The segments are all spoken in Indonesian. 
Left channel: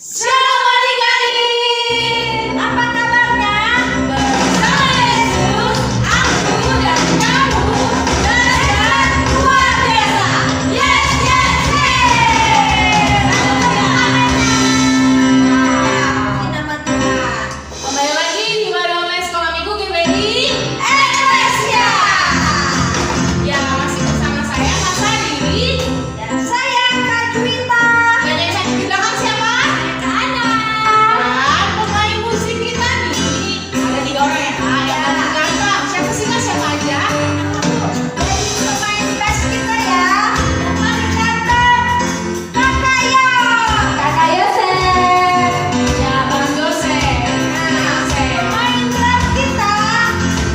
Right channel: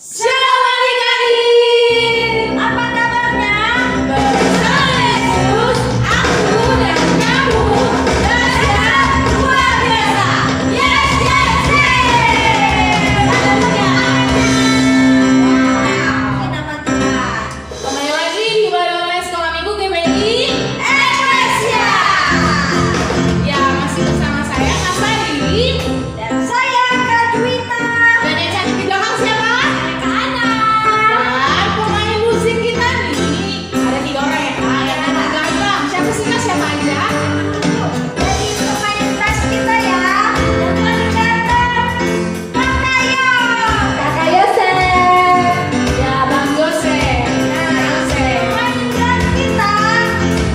Shalom adik-adik, apa kabarnya? Bersama Yesus, aku dan kamu belajar luar biasa. Yes, yes, yes. Wow, nama Tuhan. Kembali lagi di Ibadah Online Sekolah Minggu GBI Eklesia. Ya, masih bersama saya Kak Sari dan saya Kak Juwita. Dan yang saya di belakang siapa? Kak Ana. Dan pemain musik kita nih ada 3 orang ya Kak. Ya, Kak, siapa sih Kak? Siapa aja? Jadi pemain bass kita ya, yang paling ganteng, Kakak Yo. Kakak Yosef. Ya, Bang Yosef. Nah, pemain drum kita,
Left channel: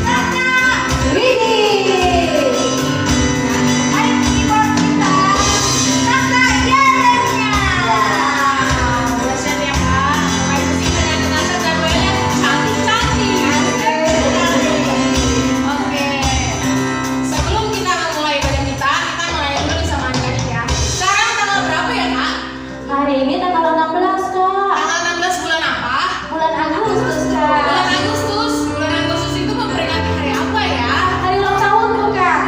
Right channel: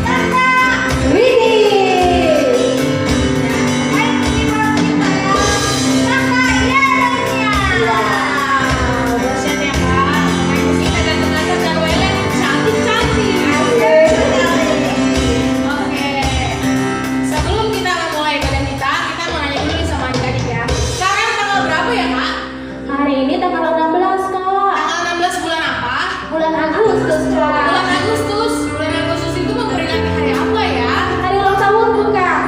Kakak Widi. Pemain keyboard kita, Kakak Yeremia. Bosan ya Kak, pemain musik dan dansa ceweknya cantik-cantik. Oke, sebelum kita mulai pada kita mulai dulu nih sama adik-adik ya. Sekarang tanggal berapa ya Kak? Hari ini tanggal 16 kak. Tanggal 16 bulan apa? Bulan Agustus kak. Bulan Agustus. Bulan Agustus itu memperingati hari apa ya? Hari ulang tahunku kak.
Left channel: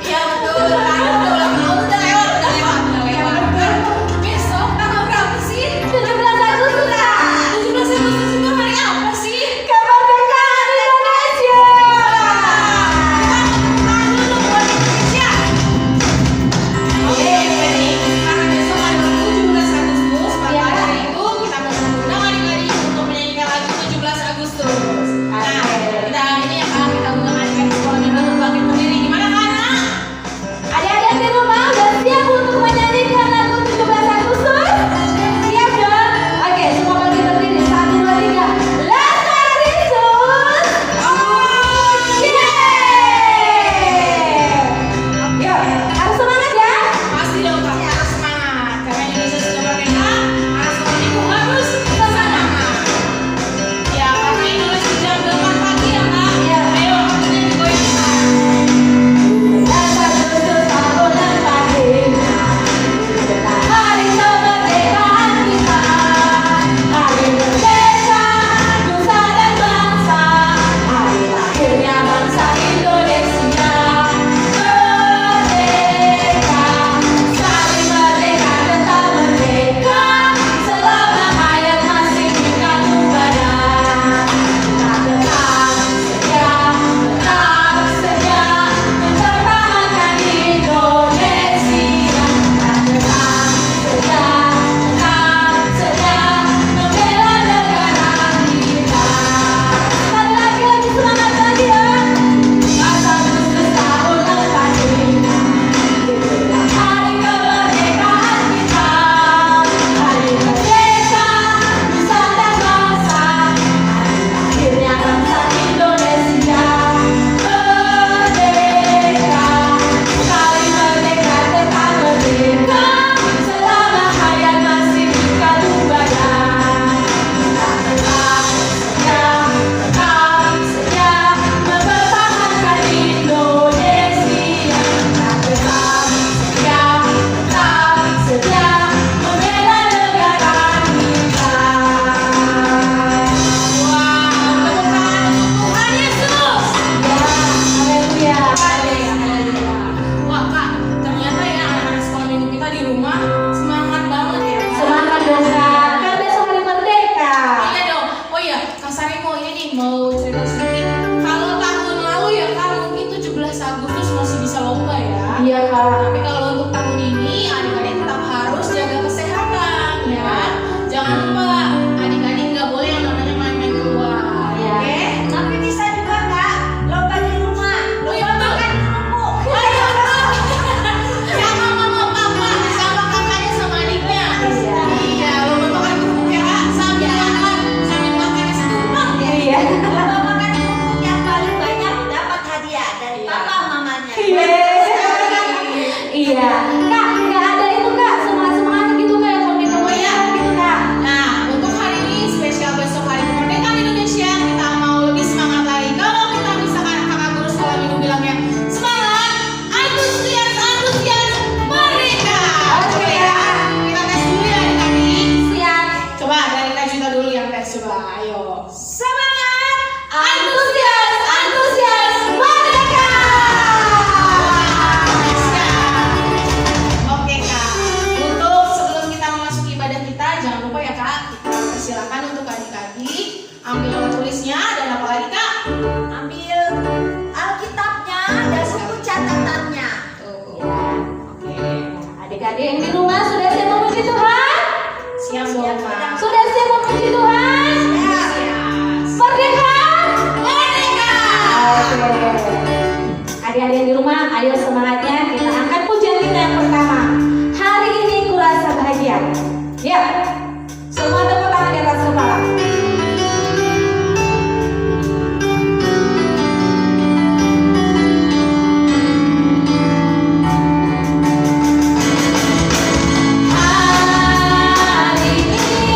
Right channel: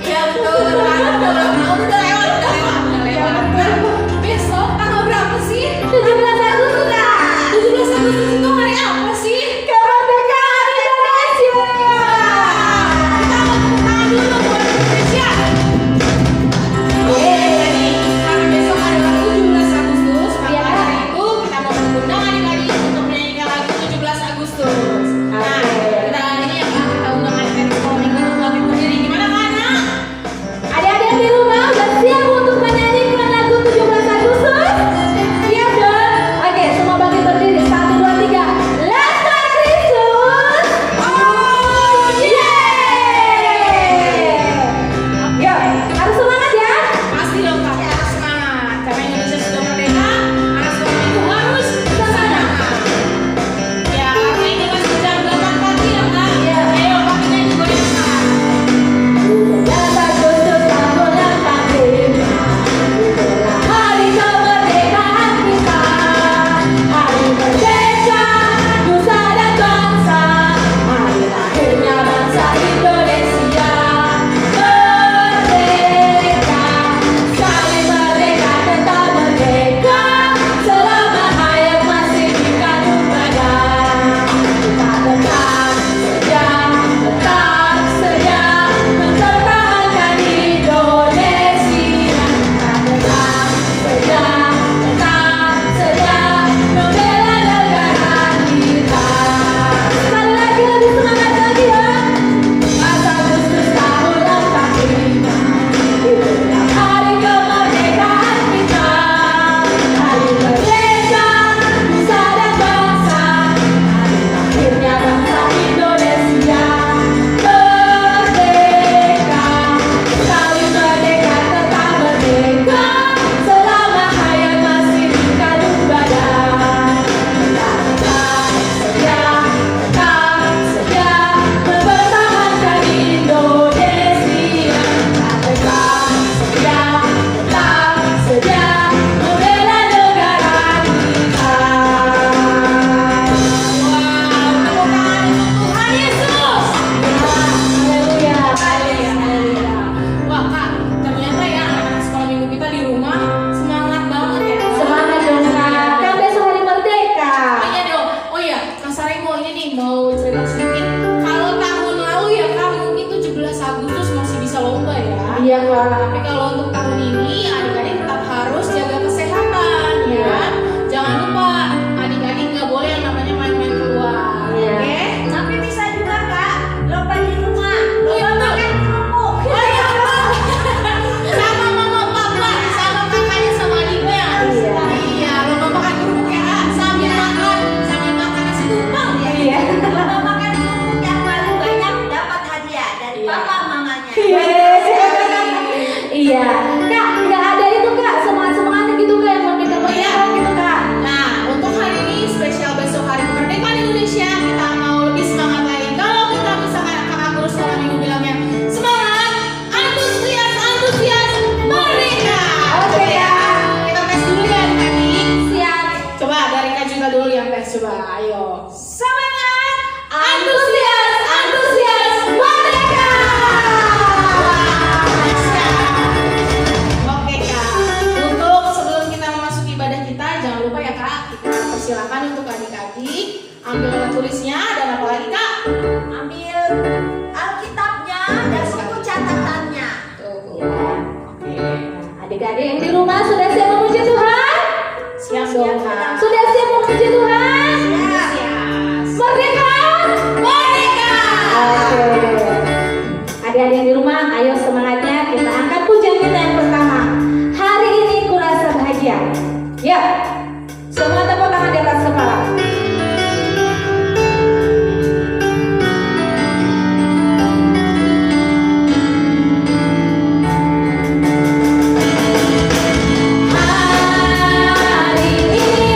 Iya betul, karena udah ulang tahun, udah lewat. Besok tanggal berapa sih? 17 Agustus kak. 17 Agustus itu hari apa sih? Kemerdekaan Indonesia. Kita mau tepuk tangan dulu buat Indonesia. Oke, jadi karena besok adalah 17 Agustus, maka hari itu kita mau mengundang adik-adik untuk menyanyikan lagu 17 Agustus. Nah, kita ini ya Kak, kita undang adik-adik sekolah minggu untuk bangkit berdiri. Gimana Kak Ana? Adik-adik di rumah udah siap untuk menyanyikan lagu 17 Agustus? Siap dong? Oke, semua bangkit berdiri. 1, 2, 3. Let's go Kristus. Yuk, harus semangat ya. Pasti dong Kak, harus semangat. Karena Indonesia sudah merdeka, anak sekolah minggu harus semangat. Ya, karena ini masih jam 8 pagi ya Kak. Iya. Ayo, kita nyanyi goyang. Dan Agustus tahun yang pasti, hari kemerdekaan kita, hari merdeka nusa dan bangsa, hari akhirnya bangsa Indonesia merdeka, sekali merdeka tetap merdeka, selama hayat masih di kandung badan, kita tetap setia mempertahankan Indonesia, kita tetap setia membela negara kita. Sekali lagi lebih semangat lagi ya. 1 Agustus tahun 45, itulah hari kemerdekaan kita, hari merdeka nusa dan bangsa, hari akhirnya bangsa Indonesia merdeka, sekali merdeka tetap merdeka, selama hayat masih di kandung badan, kita tetap setia mempertahankan Indonesia, kita tetap setia membela negara kita. Wow, tepuk tangan untuk Tuhan Yesus. Haleluya. Haleluya. Wah Kak, ternyata ya anak-anak sekolah minggu kita di rumah semangat banget ya. Semangat dong kak, kan besok hari merdeka. Oh iya dong. Oh iya, Kak Sari mau ini nih, mau cerita sedikit. Kalau tahun lalu ya Kak, mungkin 17 Agustus masih bisa lomba ya. Iya kak. Tapi kalau untuk tahun ini, adik-adik tetap harus jaga kesehatan ambil alat tulisnya dan apa lagi Kak? Ambil Alkitabnya dan buku catatannya. Tuh. Ya. Oke. Adik-adik yang di rumah sudah siap memuji Tuhan? Siap dong Kak. Sudah siap memuji Tuhan? Antusias. Merdeka! Merdeka! Oke. Adik-adik yang di rumah, ayo semangatnya kita angkat pujian kita yang pertama. Hari ini kurasa bahagia. Ya, semua tepuk tangan di atas kepala. Hari ini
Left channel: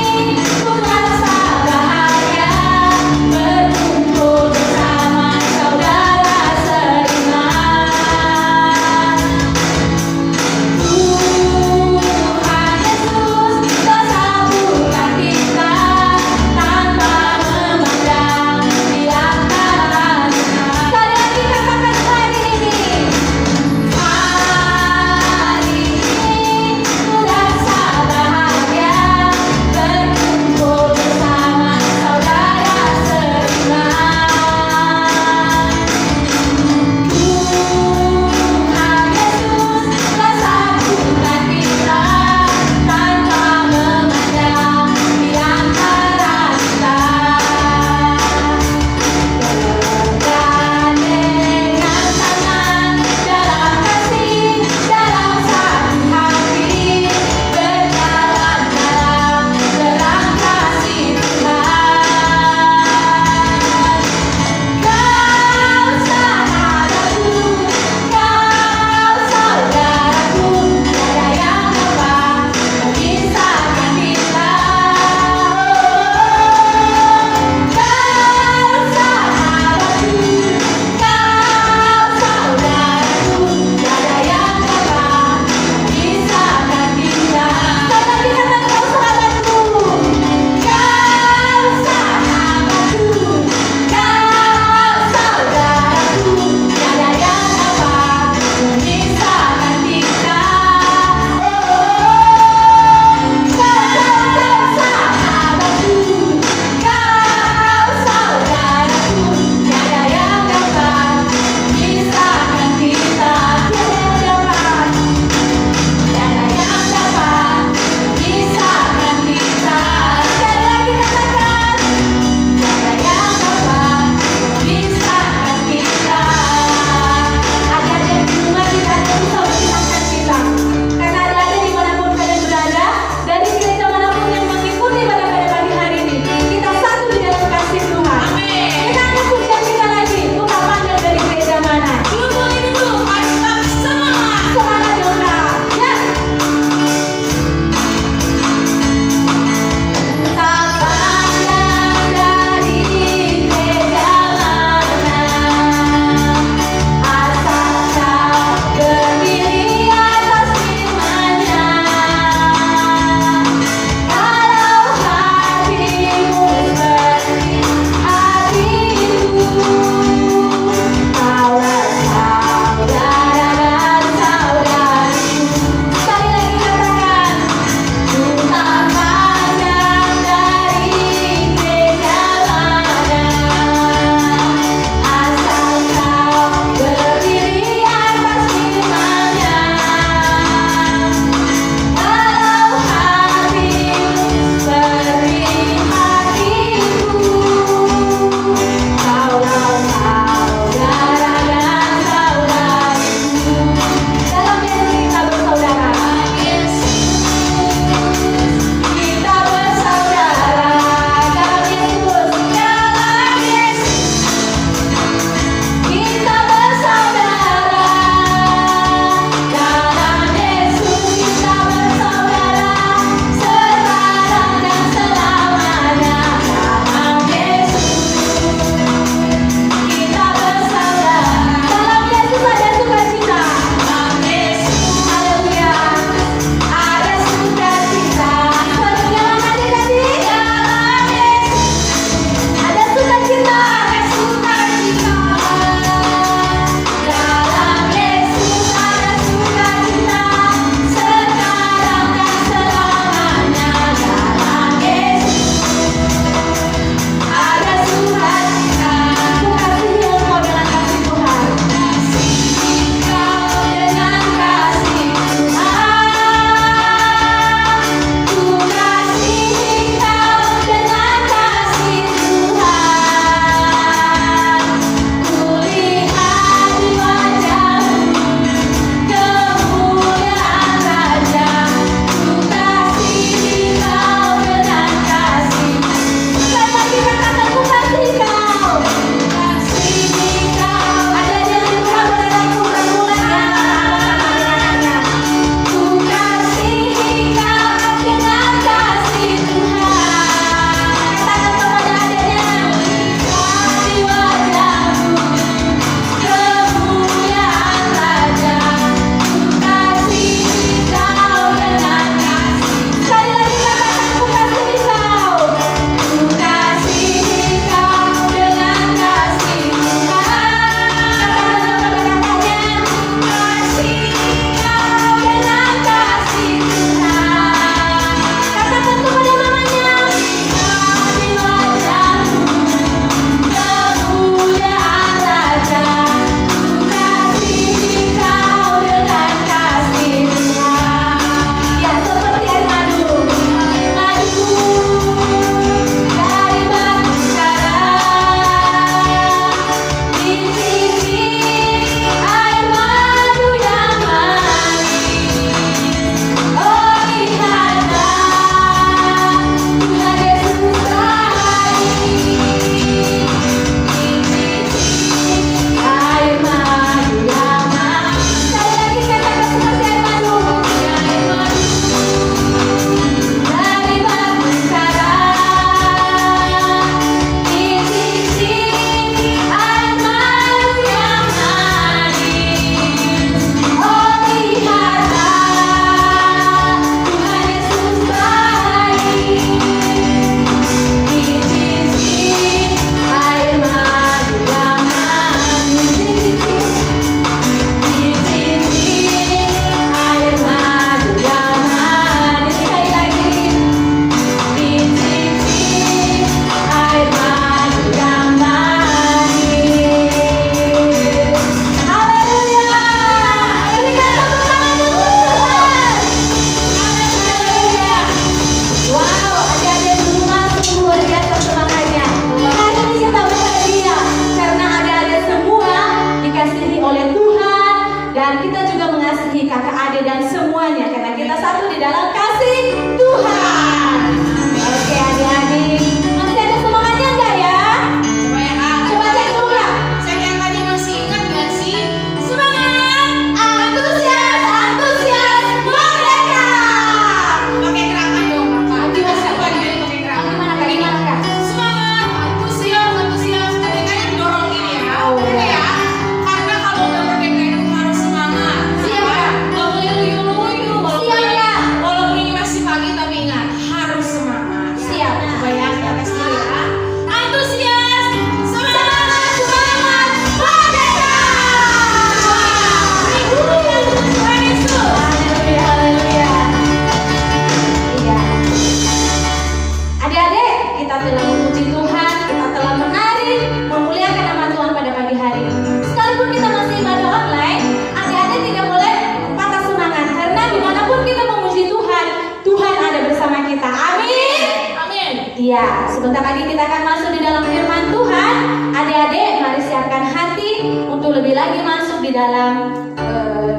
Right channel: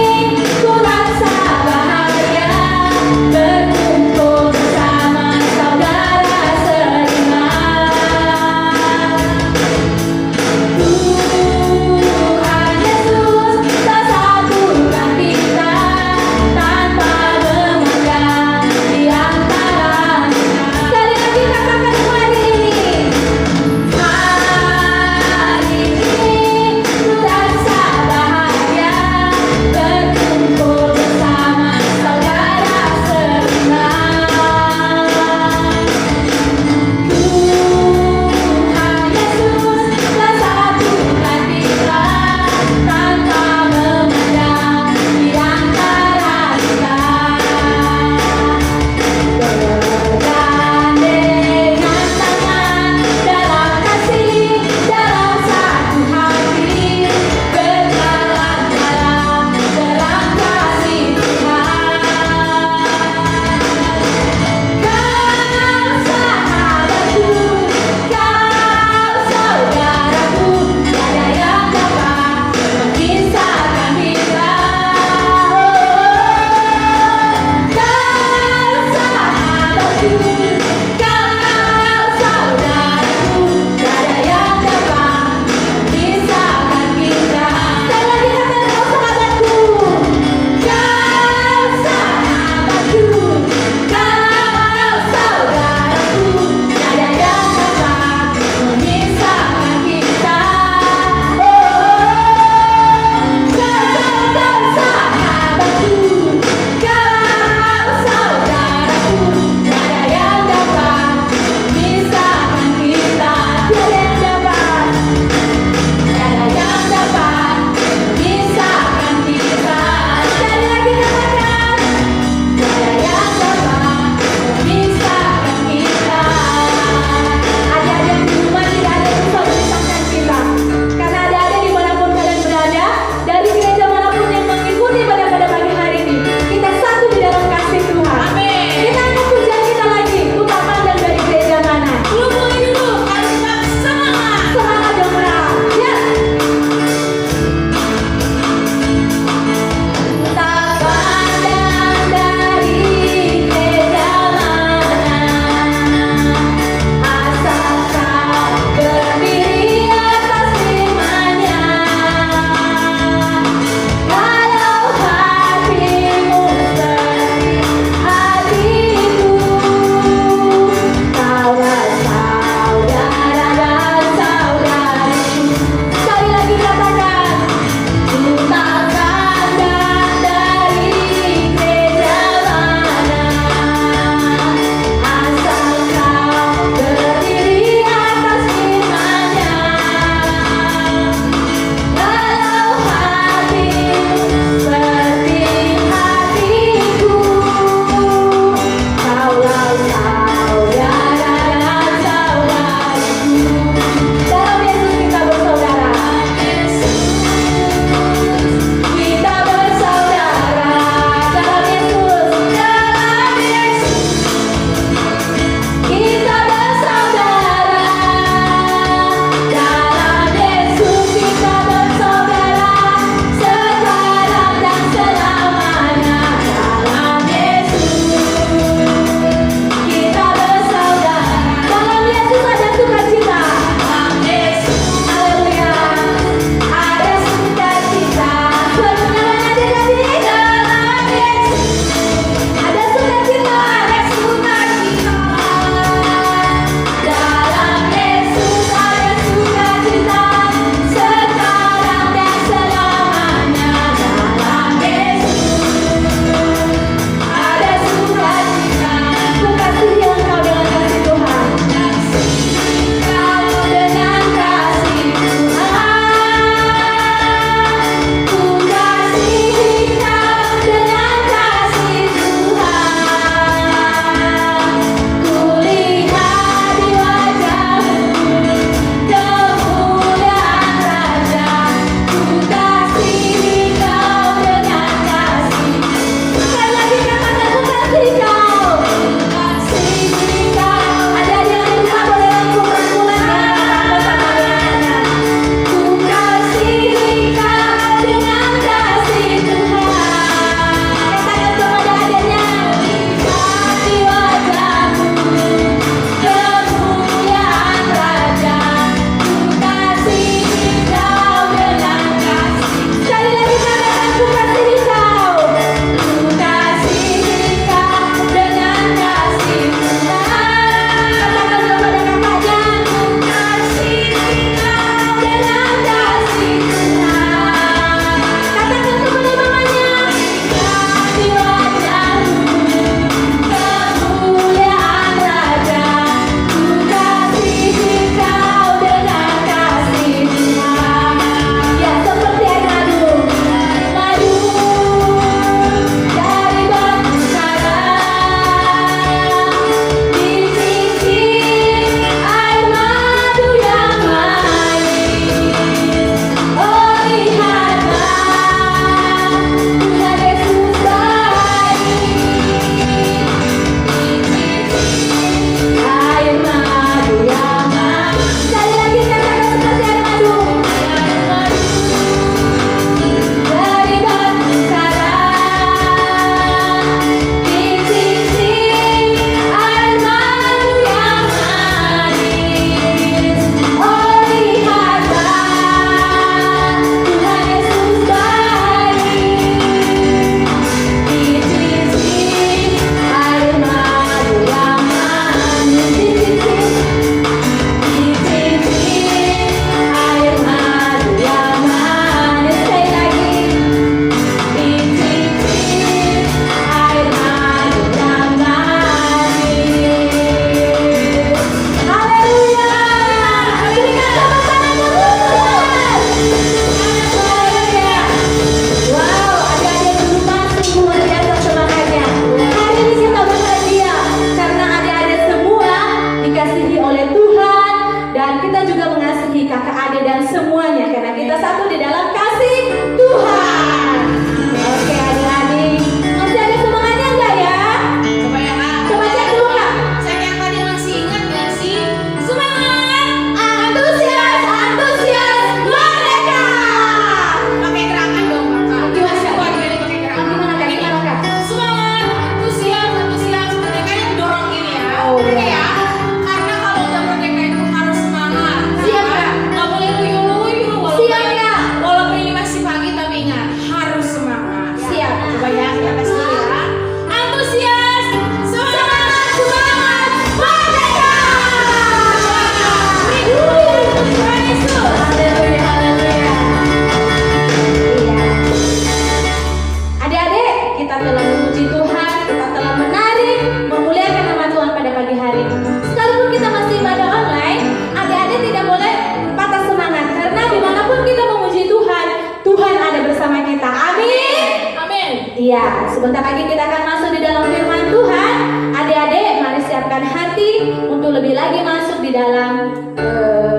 Ya, sebentar lagi kita akan masuk di dalam firman Tuhan. Adik-adik, mari siapkan hati untuk lebih lagi masuk di dalam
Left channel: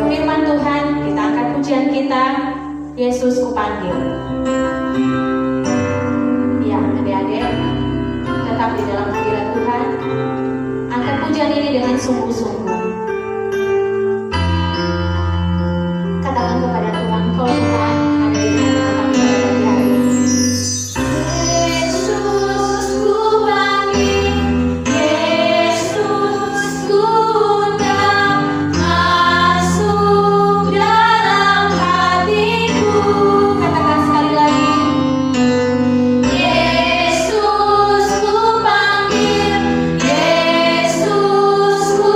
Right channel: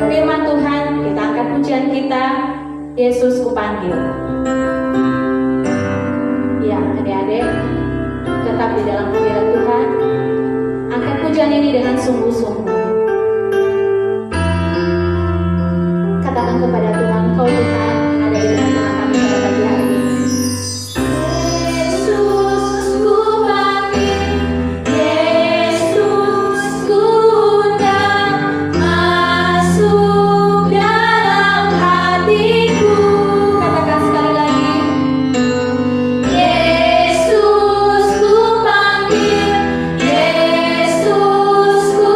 firman Tuhan. Kita angkat pujian kita, Yesus Kupanggil. Ya, adik-adik, tetap di dalam hadirat Tuhan. Angkat pujian ini dengan sungguh-sungguh. Katakan kepada Tuhan, kau Tuhan ada di tengah-tengah kami pada pagi hari ini. Yesus ku panggil, Yesus ku undang, masuk dalam hatiku. Katakan sekali lagi. Yesus ku panggil, Yesus ku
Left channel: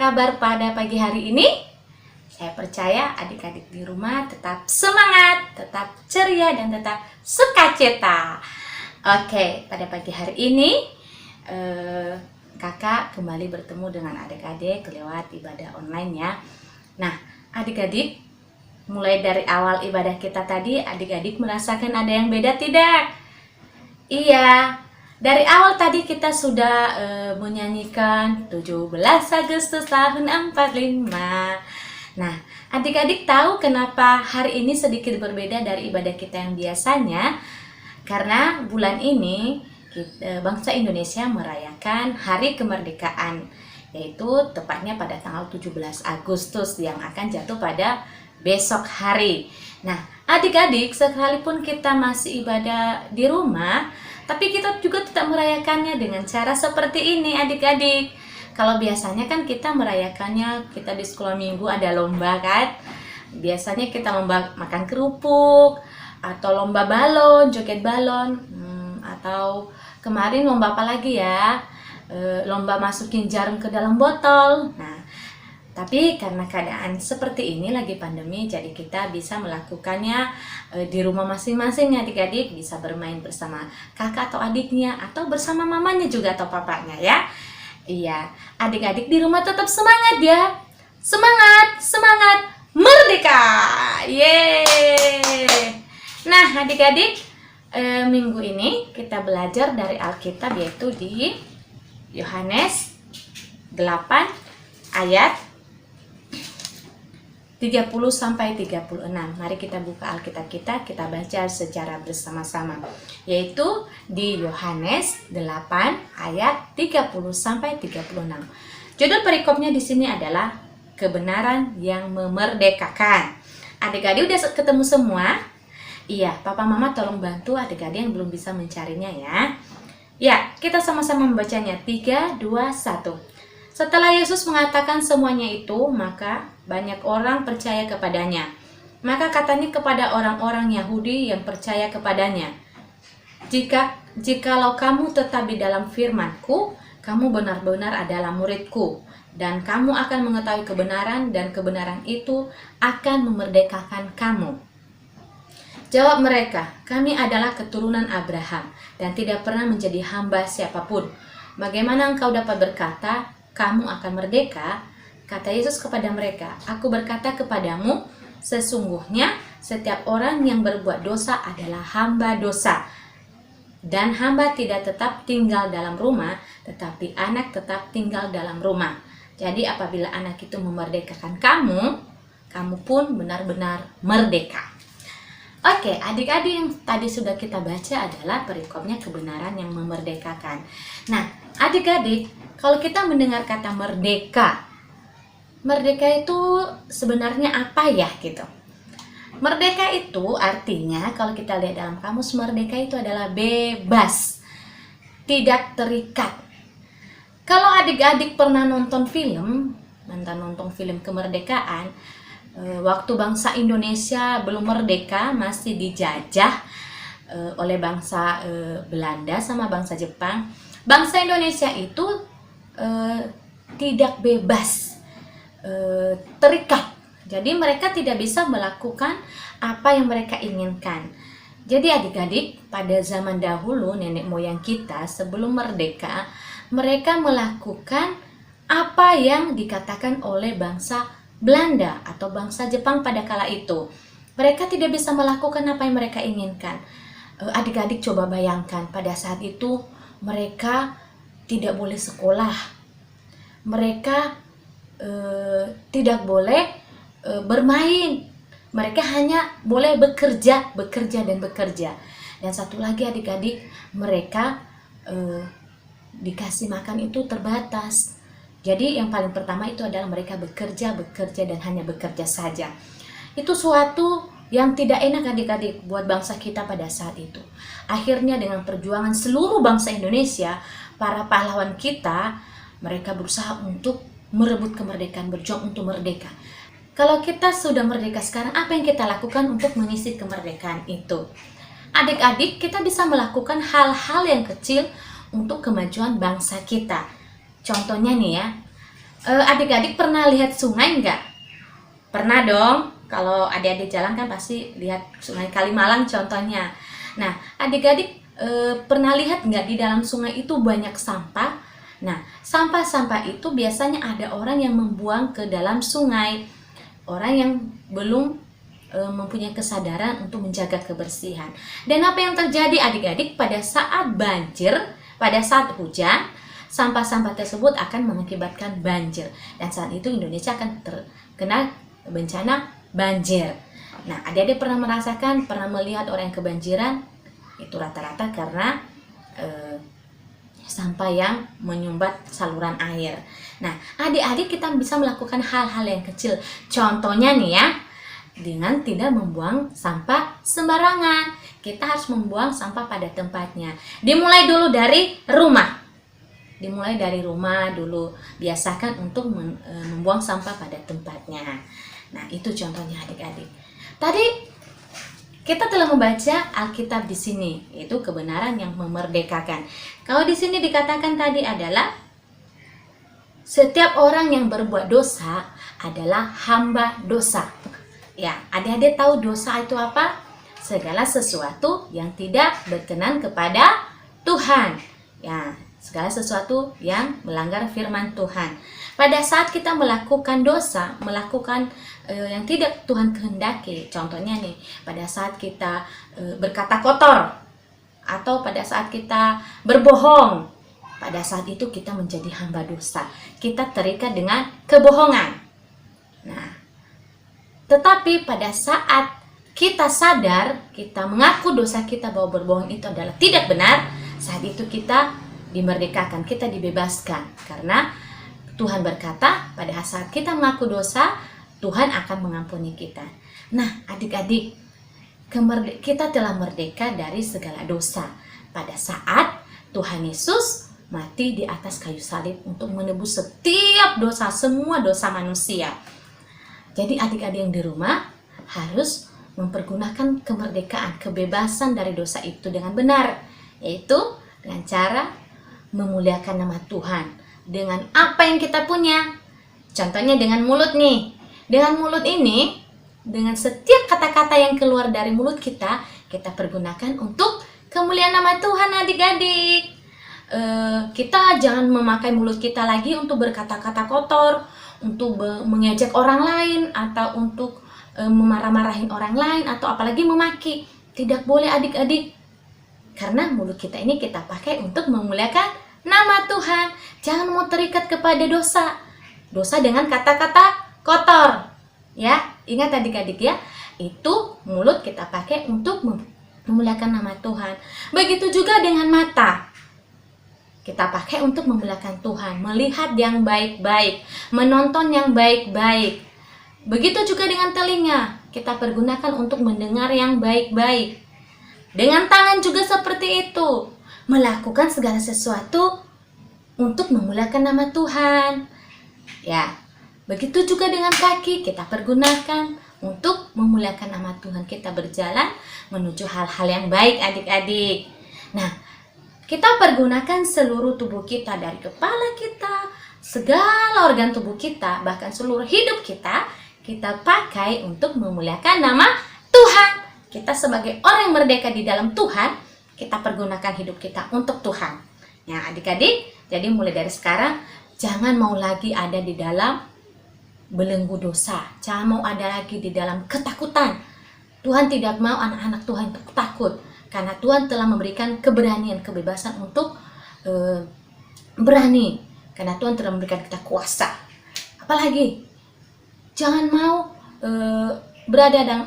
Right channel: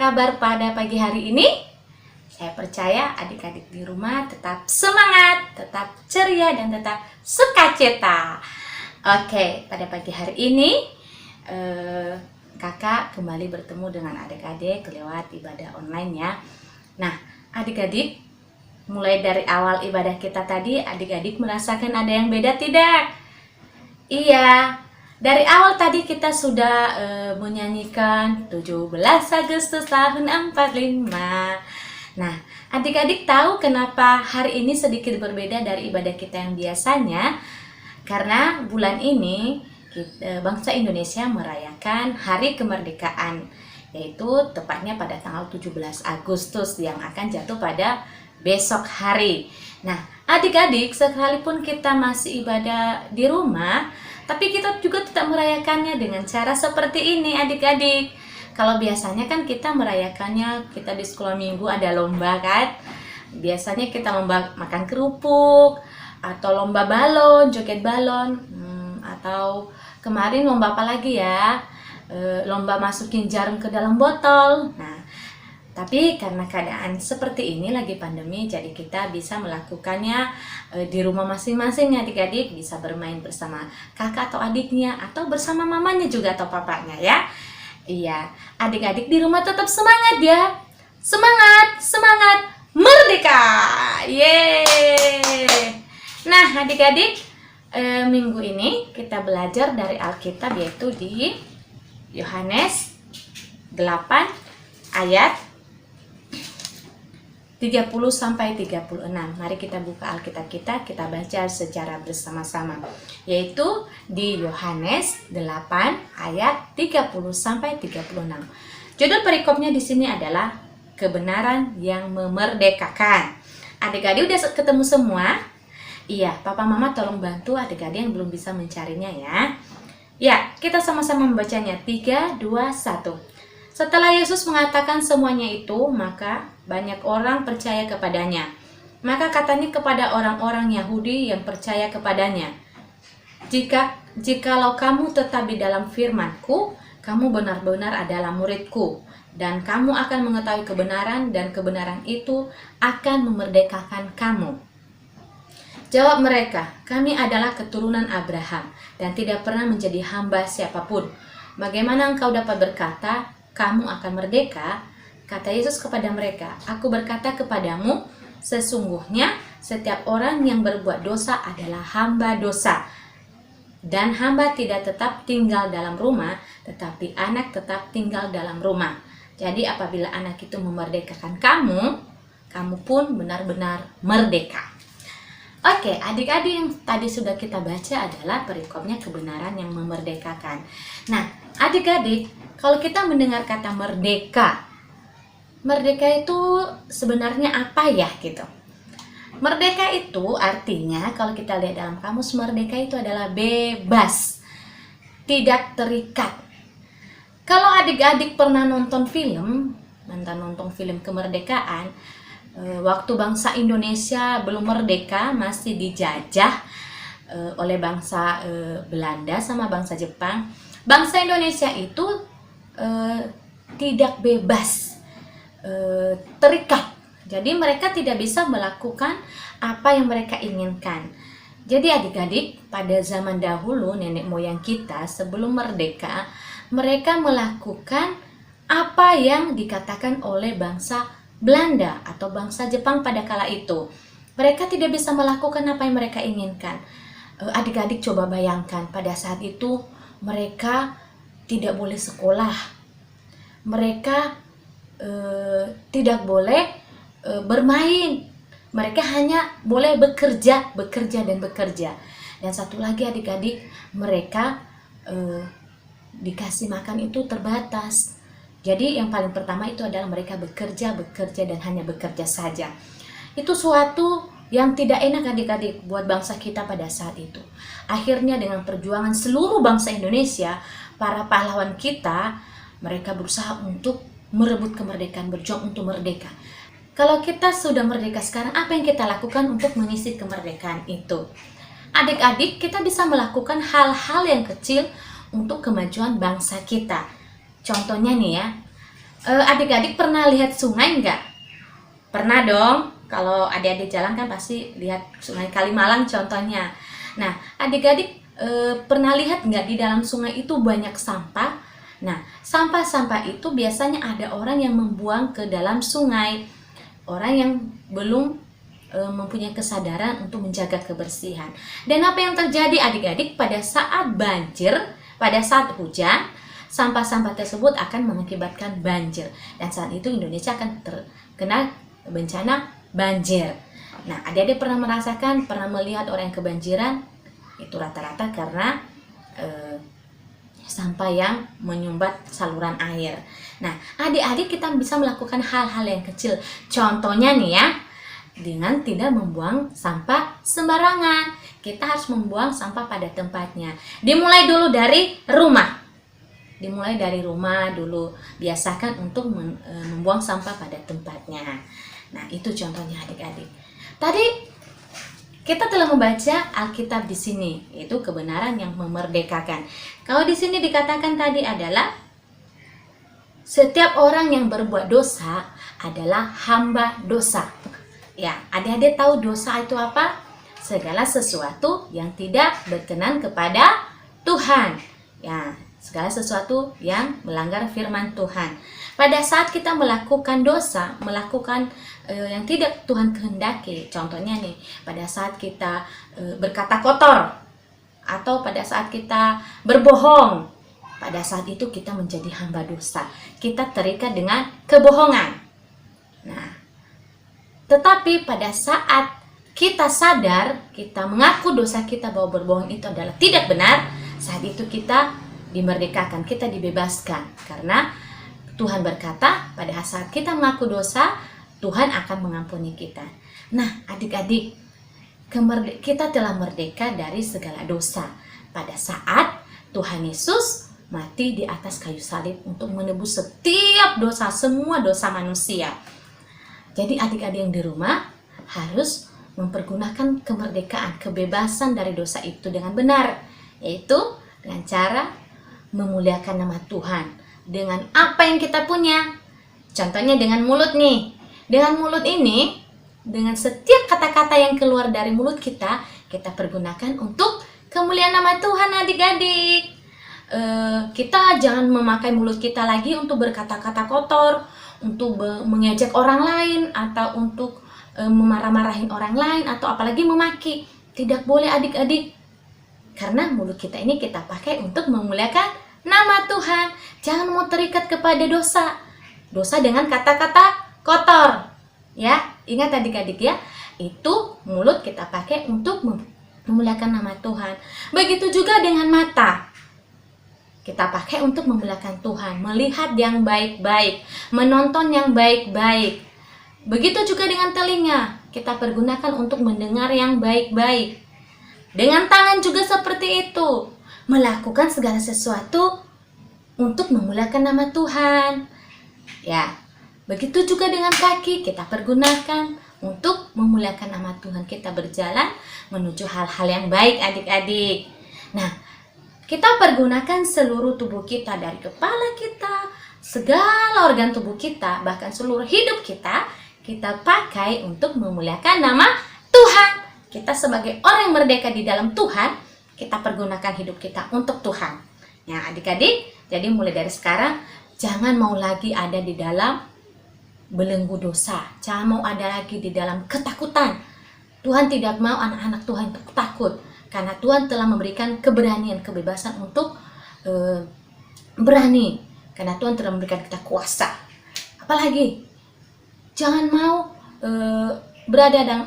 kabar pada pagi hari ini? Saya percaya adik-adik di rumah tetap semangat, tetap ceria, dan tetap sukacita. Oke, pada pagi hari ini kakak kembali bertemu dengan adik-adik lewat ibadah online ya. Nah, adik-adik, mulai dari awal ibadah kita tadi, adik-adik merasakan ada yang beda tidak? Iya, dari awal tadi kita sudah menyanyikan 17 Agustus tahun 45. Nah, adik-adik tahu kenapa hari ini sedikit berbeda dari ibadah kita yang biasanya? Karena bulan ini bangsa Indonesia merayakan Hari Kemerdekaan, yaitu tepatnya pada tanggal 17 Agustus yang akan jatuh pada besok hari. Nah, adik-adik, sekalipun kita masih ibadah di rumah, tapi kita juga tetap merayakannya dengan cara seperti ini adik-adik. Kalau biasanya kan kita merayakannya, kita di sekolah minggu ada lomba kan. Biasanya kita lomba makan kerupuk, atau lomba balon, joget balon, atau kemarin lomba apa lagi ya? Lomba masukin jarum ke dalam botol. Nah, tapi karena keadaan seperti ini lagi pandemi, jadi kita bisa melakukannya di rumah masing-masing adik-adik, bisa bermain bersama kakak atau adiknya, atau bersama mamanya juga atau papanya ya. Iya, adik-adik di rumah tetap semangat ya. Semangat, semangat, merdeka. Yeay. Nah, adik-adik, minggu ini kita belajar dari Alkitab, yaitu di Yohanes 8 ayat 30-36. Mari kita buka Alkitab kita baca secara bersama-sama. Yaitu di Yohanes 8 ayat 30-36. Judul perikopnya di sini adalah kebenaran yang memerdekakan. Adik-adik udah ketemu semua? Iya, papa mama tolong bantu adik-adik yang belum bisa mencarinya ya. Ya, kita sama-sama membacanya. 3, 2, 1. Setelah Yesus mengatakan semuanya itu, maka banyak orang percaya kepadanya. Maka katanya kepada orang-orang Yahudi yang percaya kepadanya, Jikalau kamu tetap di dalam firman-Ku, kamu benar-benar adalah murid-Ku, dan kamu akan mengetahui kebenaran, dan kebenaran itu akan memerdekakan kamu. Jawab mereka, kami adalah keturunan Abraham, dan tidak pernah menjadi hamba siapapun. Bagaimana engkau dapat berkata, kamu akan merdeka? Kata Yesus kepada mereka, aku berkata kepadamu, sesungguhnya setiap orang yang berbuat dosa adalah hamba dosa. Dan hamba tidak tetap tinggal dalam rumah, tetapi anak tetap tinggal dalam rumah. Jadi apabila anak itu memerdekakan kamu, kamu pun benar-benar merdeka. Oke, adik-adik, yang tadi sudah kita baca adalah perikopnya kebenaran yang memerdekakan. Nah, adik-adik, kalau kita mendengar kata merdeka, merdeka itu sebenarnya apa ya gitu? Merdeka itu artinya, kalau kita lihat dalam kamus, merdeka itu adalah bebas, tidak terikat. Kalau adik-adik pernah nonton film kemerdekaan, waktu bangsa Indonesia belum merdeka, masih dijajah oleh bangsa Belanda sama bangsa Jepang. Bangsa Indonesia itu tidak bebas, terikat. Jadi mereka tidak bisa melakukan apa yang mereka inginkan. Jadi adik-adik, pada zaman dahulu nenek moyang kita sebelum merdeka, mereka melakukan apa yang dikatakan oleh bangsa Belanda atau bangsa Jepang pada kala itu. Mereka tidak bisa melakukan apa yang mereka inginkan. Adik-adik coba bayangkan, pada saat itu mereka tidak boleh sekolah. Mereka tidak boleh bermain. Mereka hanya boleh bekerja. Dan satu lagi adik-adik, mereka dikasih makan itu terbatas. Jadi yang paling pertama itu adalah mereka bekerja dan hanya bekerja saja. Itu suatu yang tidak enak adik-adik buat bangsa kita pada saat itu. Akhirnya dengan perjuangan seluruh bangsa Indonesia, para pahlawan kita, mereka berusaha untuk merebut kemerdekaan, berjuang untuk merdeka. Kalau kita sudah merdeka sekarang, apa yang kita lakukan untuk mengisi kemerdekaan itu? Adik-adik, kita bisa melakukan hal-hal yang kecil untuk kemajuan bangsa kita. Contohnya nih ya, Adik-adik pernah lihat sungai nggak? Pernah dong. Kalau adik-adik jalan kan pasti lihat sungai Kalimalang contohnya. Nah, adik-adik pernah lihat nggak di dalam sungai itu banyak sampah? Nah, sampah-sampah itu biasanya ada orang yang membuang ke dalam sungai. Orang yang belum mempunyai kesadaran untuk menjaga kebersihan. Dan apa yang terjadi adik-adik pada saat banjir, pada saat hujan, sampah-sampah tersebut akan mengakibatkan banjir. Dan saat itu Indonesia akan terkena bencana banjir. Nah, adik-adik pernah merasakan, pernah melihat orang yang kebanjiran? Itu rata-rata karena sampah yang menyumbat saluran air. Nah, adik-adik kita bisa melakukan hal-hal yang kecil. Contohnya nih ya, dengan tidak membuang sampah sembarangan. Kita harus membuang sampah pada tempatnya. Dimulai dulu dari rumah. Dimulai dari rumah dulu. Biasakan untuk membuang sampah pada tempatnya. Nah, itu contohnya adik-adik. Tadi kita telah membaca Alkitab di sini, yaitu kebenaran yang memerdekakan. Kalau di sini dikatakan tadi adalah setiap orang yang berbuat dosa adalah hamba dosa. Ya, adik-adik tahu dosa itu apa? Segala sesuatu yang tidak berkenan kepada Tuhan. Ya, segala sesuatu yang melanggar firman Tuhan. Pada saat kita melakukan dosa, melakukan yang tidak Tuhan kehendaki, contohnya nih, pada saat kita berkata kotor, atau pada saat kita berbohong, pada saat itu kita menjadi hamba dosa. Kita terikat dengan kebohongan. Nah, tetapi pada saat kita sadar, kita mengaku dosa kita bahwa berbohong itu adalah tidak benar, saat itu kita dimerdekakan, kita dibebaskan. Karena Tuhan berkata, pada saat kita mengaku dosa, Tuhan akan mengampuni kita. Nah, adik-adik, kita telah merdeka dari segala dosa. Pada saat Tuhan Yesus mati di atas kayu salib untuk menebus setiap dosa, semua dosa manusia. Jadi adik-adik yang di rumah harus mempergunakan kemerdekaan, kebebasan dari dosa itu dengan benar, yaitu dengan cara memuliakan nama Tuhan dengan apa yang kita punya. Contohnya dengan mulut nih. Dengan mulut ini, dengan setiap kata-kata yang keluar dari mulut kita, kita pergunakan untuk kemuliaan nama Tuhan adik-adik. Kita jangan memakai mulut kita lagi untuk berkata-kata kotor, untuk mengejek orang lain, atau untuk memarah-marahin orang lain, atau apalagi memaki. Tidak boleh adik-adik. Karena mulut kita ini kita pakai untuk memuliakan nama Tuhan. Jangan mau terikat kepada dosa. Dosa dengan kata-kata kotor. Ya, ingat adik-adik ya. Itu mulut kita pakai untuk memuliakan nama Tuhan. Begitu juga dengan mata. Kita pakai untuk memuliakan Tuhan, melihat yang baik-baik, menonton yang baik-baik. Begitu juga dengan telinga, kita pergunakan untuk mendengar yang baik-baik. Dengan tangan juga seperti itu, melakukan segala sesuatu untuk memuliakan nama Tuhan. Ya, begitu juga dengan kaki, kita pergunakan untuk memuliakan nama Tuhan. Kita berjalan menuju hal-hal yang baik adik-adik. Nah, kita pergunakan seluruh tubuh kita, dari kepala kita, segala organ tubuh kita, bahkan seluruh hidup kita, kita pakai untuk memuliakan nama Tuhan. Kita sebagai orang yang merdeka di dalam Tuhan, kita pergunakan hidup kita untuk Tuhan. Ya adik-adik, jadi mulai dari sekarang, jangan mau lagi ada di dalam belenggu dosa. Jangan mau ada lagi di dalam ketakutan. Tuhan tidak mau anak-anak Tuhan takut. Karena Tuhan telah memberikan keberanian, kebebasan untuk berani. Karena Tuhan telah memberikan kita kuasa. Apalagi, jangan mau berada dalam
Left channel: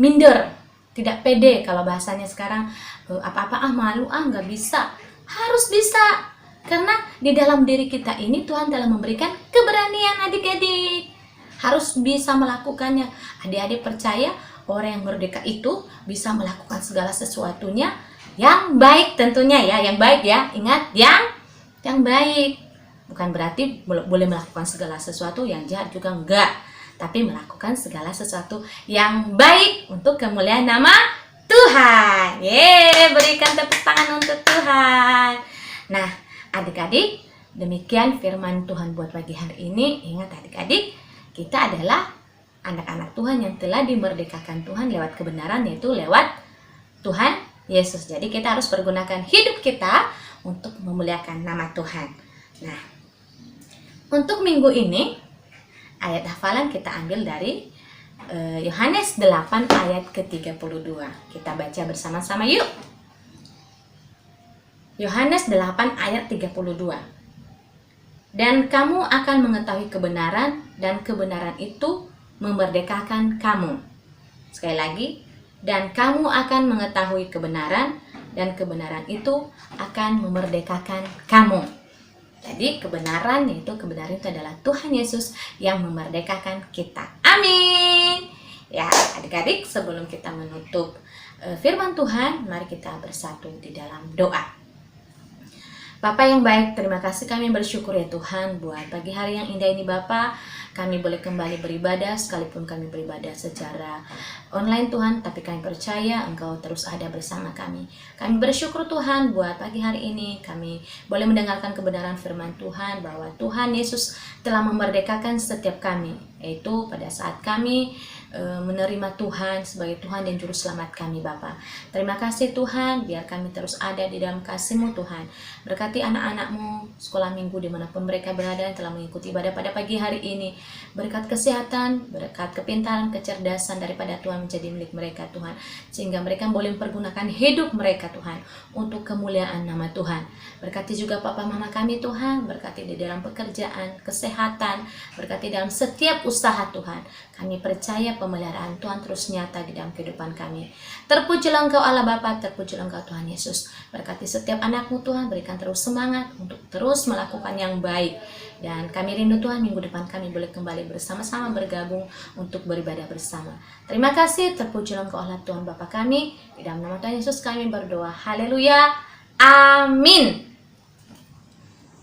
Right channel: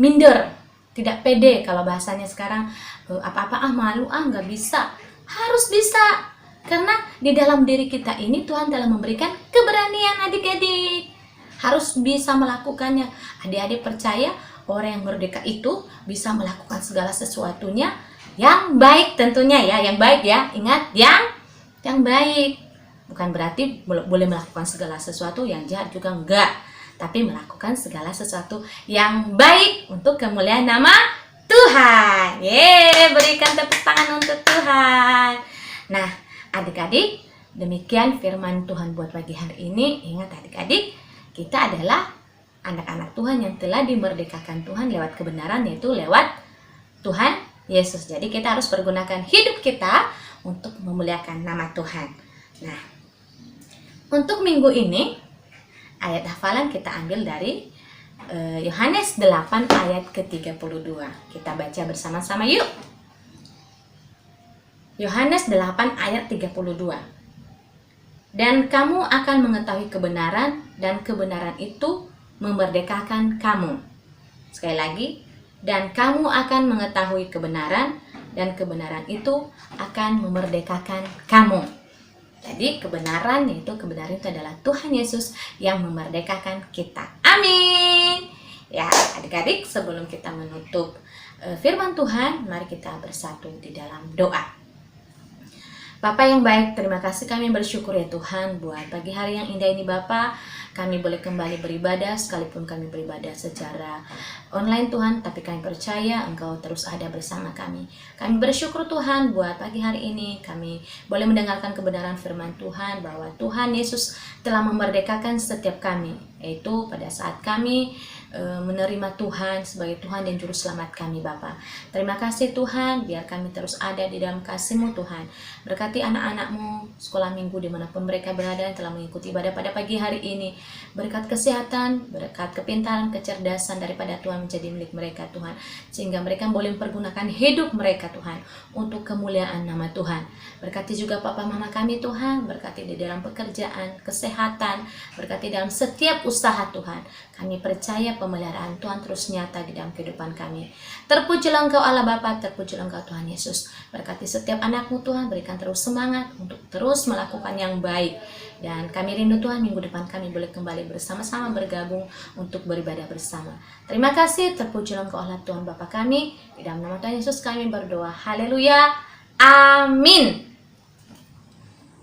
minder, tidak pede. Kalau bahasanya sekarang, apa-apa malu, nggak bisa. Harus bisa. Karena di dalam diri kita ini Tuhan telah memberikan keberanian adik-adik. Harus bisa melakukannya. Adik-adik percaya, orang yang merdeka itu bisa melakukan segala sesuatunya yang baik tentunya ya, yang baik ya. Ingat, yang baik. Bukan berarti boleh melakukan segala sesuatu yang jahat juga enggak. Tapi melakukan segala sesuatu yang baik untuk kemuliaan nama Tuhan. Berikan tepuk tangan untuk Tuhan. Nah, adik-adik, Demikian firman Tuhan buat pagi hari ini. Ingat adik-adik, kita adalah anak-anak Tuhan yang telah dimerdekakan Tuhan lewat kebenaran, yaitu lewat Tuhan Yesus. Jadi kita harus pergunakan hidup kita untuk memuliakan nama Tuhan. Nah, untuk minggu ini ayat hafalan kita ambil dari Yohanes 8 ayat ke-32. Kita baca bersama-sama yuk. Yohanes 8 ayat 32. Dan kamu akan mengetahui kebenaran, dan kebenaran itu memerdekakan kamu. Sekali lagi, dan kamu akan mengetahui kebenaran, dan kebenaran itu akan memerdekakan kamu. Jadi kebenaran itu adalah Tuhan Yesus yang memerdekakan kita. Amin. Ya, adik-adik, sebelum kita menutup firman Tuhan, mari kita bersatu di dalam doa. Bapa yang baik, terima kasih, kami bersyukur ya Tuhan buat pagi hari yang indah ini Bapa. Kami boleh kembali beribadah, sekalipun kami beribadah secara online Tuhan, tapi kami percaya Engkau terus ada bersama kami. Kami bersyukur Tuhan buat pagi hari ini kami boleh mendengarkan kebenaran firman Tuhan bahwa Tuhan Yesus telah memerdekakan setiap kami, yaitu pada saat kami menerima Tuhan sebagai Tuhan dan Juru Selamat kami Bapa. Terima kasih Tuhan, biar kami terus ada di dalam kasih-Mu Tuhan. Berkati anak-anak-Mu sekolah minggu dimanapun mereka berada yang telah mengikuti ibadah pada pagi hari ini. Berkat kesehatan, berkat kepintaran, kecerdasan daripada Tuhan menjadi milik mereka Tuhan. Sehingga mereka boleh mempergunakan hidup mereka Tuhan untuk kemuliaan nama Tuhan. Berkati juga Papa Mama kami Tuhan, berkati di dalam pekerjaan, kesehatan, berkati dalam setiap usaha Tuhan. Kami percaya pemeliharaan Tuhan terus nyata di dalam kehidupan kami. Terpujilah Engkau Allah Bapa, terpujilah Engkau Tuhan Yesus. Berkati setiap anak-Mu Tuhan, berikan terus semangat untuk terus melakukan yang baik. Dan kami rindu Tuhan minggu depan kami boleh kembali bersama-sama bergabung untuk beribadah bersama. Terima kasih, terpujilah Engkau Allah Tuhan Bapa kami. Di dalam nama Tuhan Yesus kami berdoa. Haleluya. Amin.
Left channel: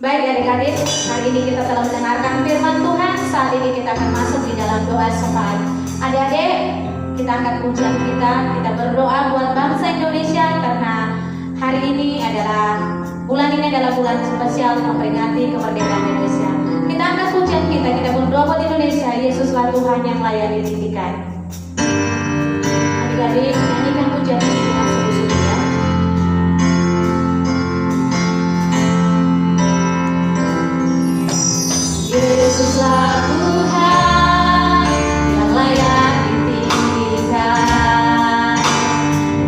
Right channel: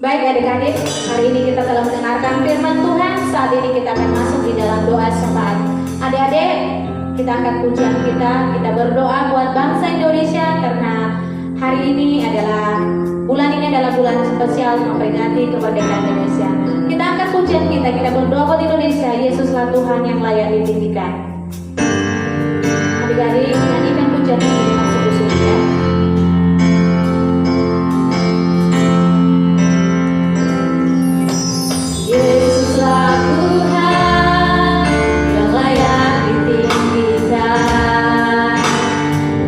Baik adik-adik, hari ini kita telah mendengarkan firman Tuhan. Saat ini kita akan masuk di dalam doa syafaat. Adik-adik, kita angkat pujian kita berdoa buat bangsa Indonesia karena hari ini bulan ini adalah bulan spesial memperingati kemerdekaan Indonesia. Kita angkat pujian kita berdoa buat Indonesia. Yesuslah Tuhan yang layak ditinggikan. Adik-adik, nyanyikan pujian ini dengan sungguh-sungguh ya. Yesuslah Tuhan yang layak ditinggikan,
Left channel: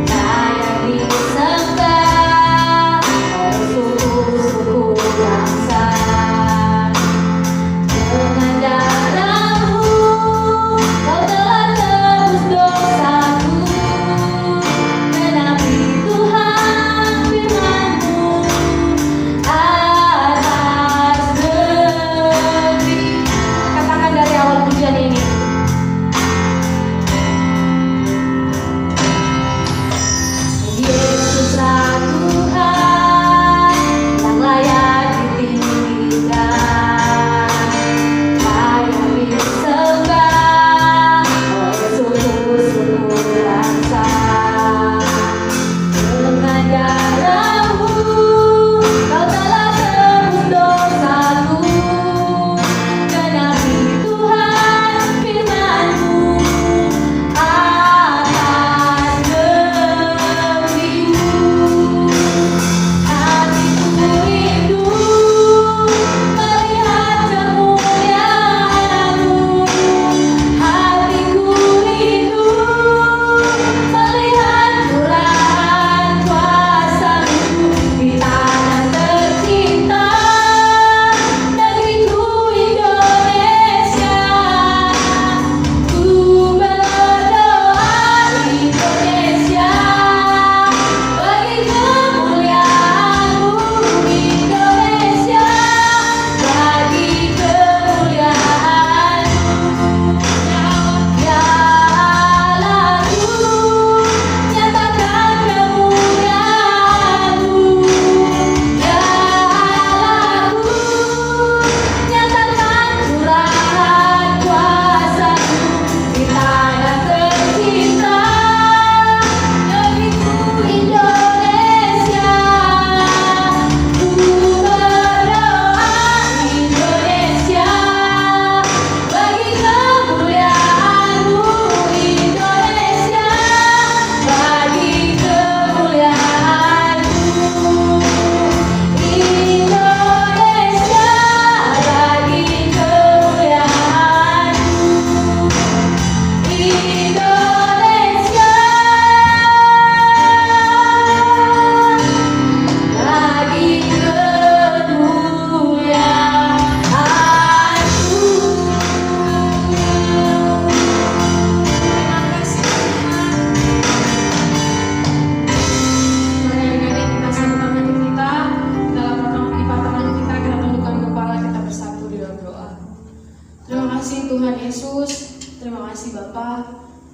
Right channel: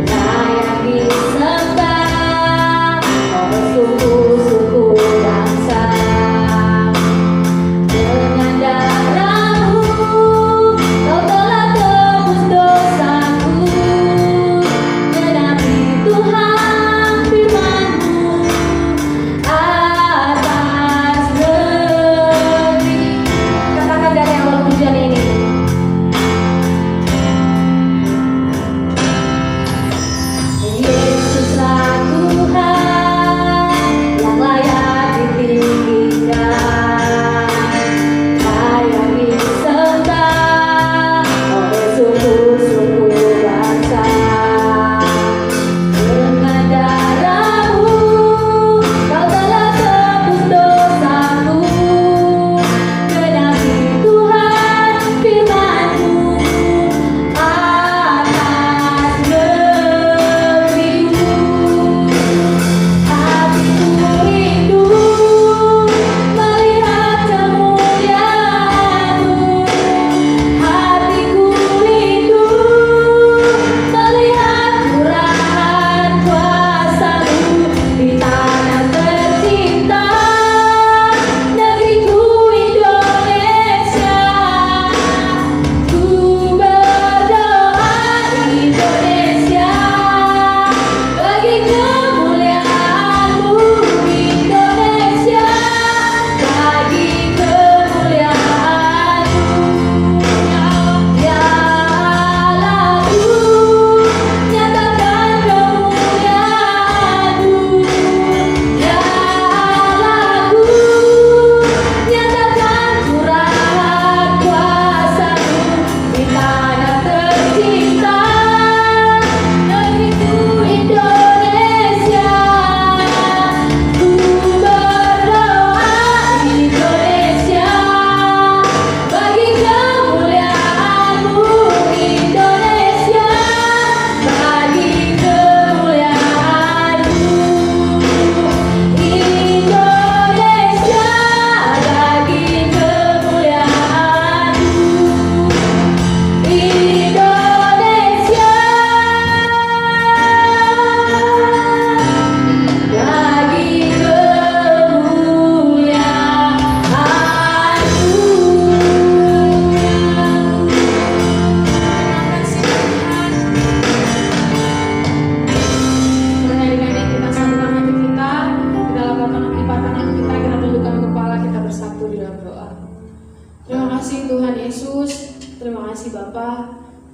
layak disembah oleh suku-suku bangsa. Dengan darah-Mu Kau telah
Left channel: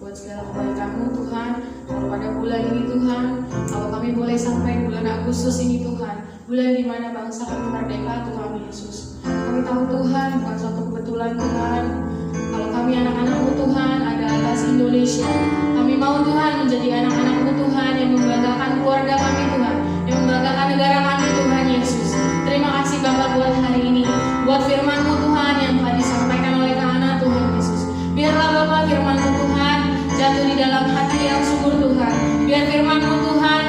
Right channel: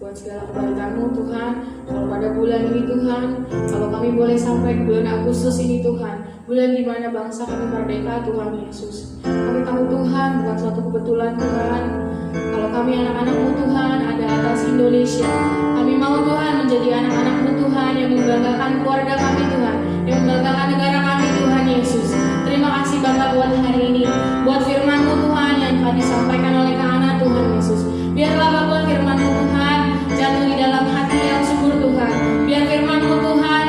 buat segala kebaikan-Mu Tuhan. Kalau pada bulan ini Tuhan, kalau kami boleh sampai di bulan Agustus ini Tuhan, bulan di mana bangsa kami merdeka Tuhan Yesus. Kami tahu Tuhan bukan suatu kebetulan Tuhan. Kalau kami anak-anak-Mu Tuhan ada atas Indonesia. Kami mau Tuhan menjadi anak-anak-Mu Tuhan yang membanggakan keluarga kami Tuhan, yang membanggakan negara kami Tuhan Yesus. Terima kasih Bapak buat hari ini, buat firman-Mu Tuhan yang telah disampaikan oleh Kak Ana Tuhan Yesus. Biarlah Bapak firman-Mu Tuhan jatuh di dalam hati yang subur Tuhan. Biar firman-Mu Tuhan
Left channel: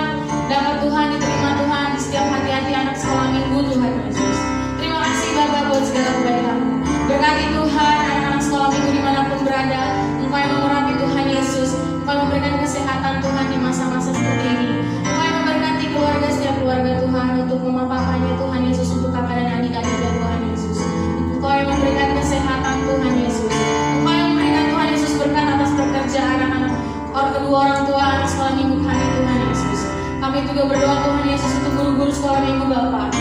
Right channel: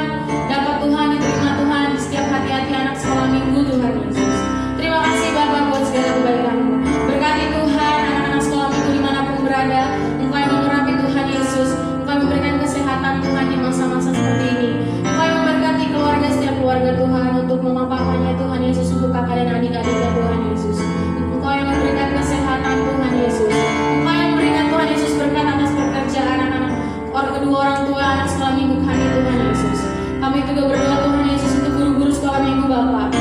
dapat Tuhan diterima Tuhan di setiap hati-hati anak sekolah minggu Tuhan Yesus. Terima kasih Bapak buat segala kebaikan-Mu. Berkati Tuhan anak-anak sekolah minggu dimanapun berada. Engkau yang mengurapi Tuhan Yesus. Engkau yang memberikan kesehatan Tuhan di masa-masa seperti ini. Engkau yang memberkati keluarga, setiap keluarga Tuhan, untuk mama papanya Tuhan Yesus, untuk kakak dan adik-adiknya Tuhan Yesus. Engkau yang memberikan kesehatan Tuhan Yesus. Engkau yang memberikan Tuhan Yesus berkat atas pekerjaan anak-anak kedua orang tua anak sekolah minggu kami Tuhan Yesus. Kami juga berdoa Tuhan Yesus untuk guru-guru sekolah minggu Bapak.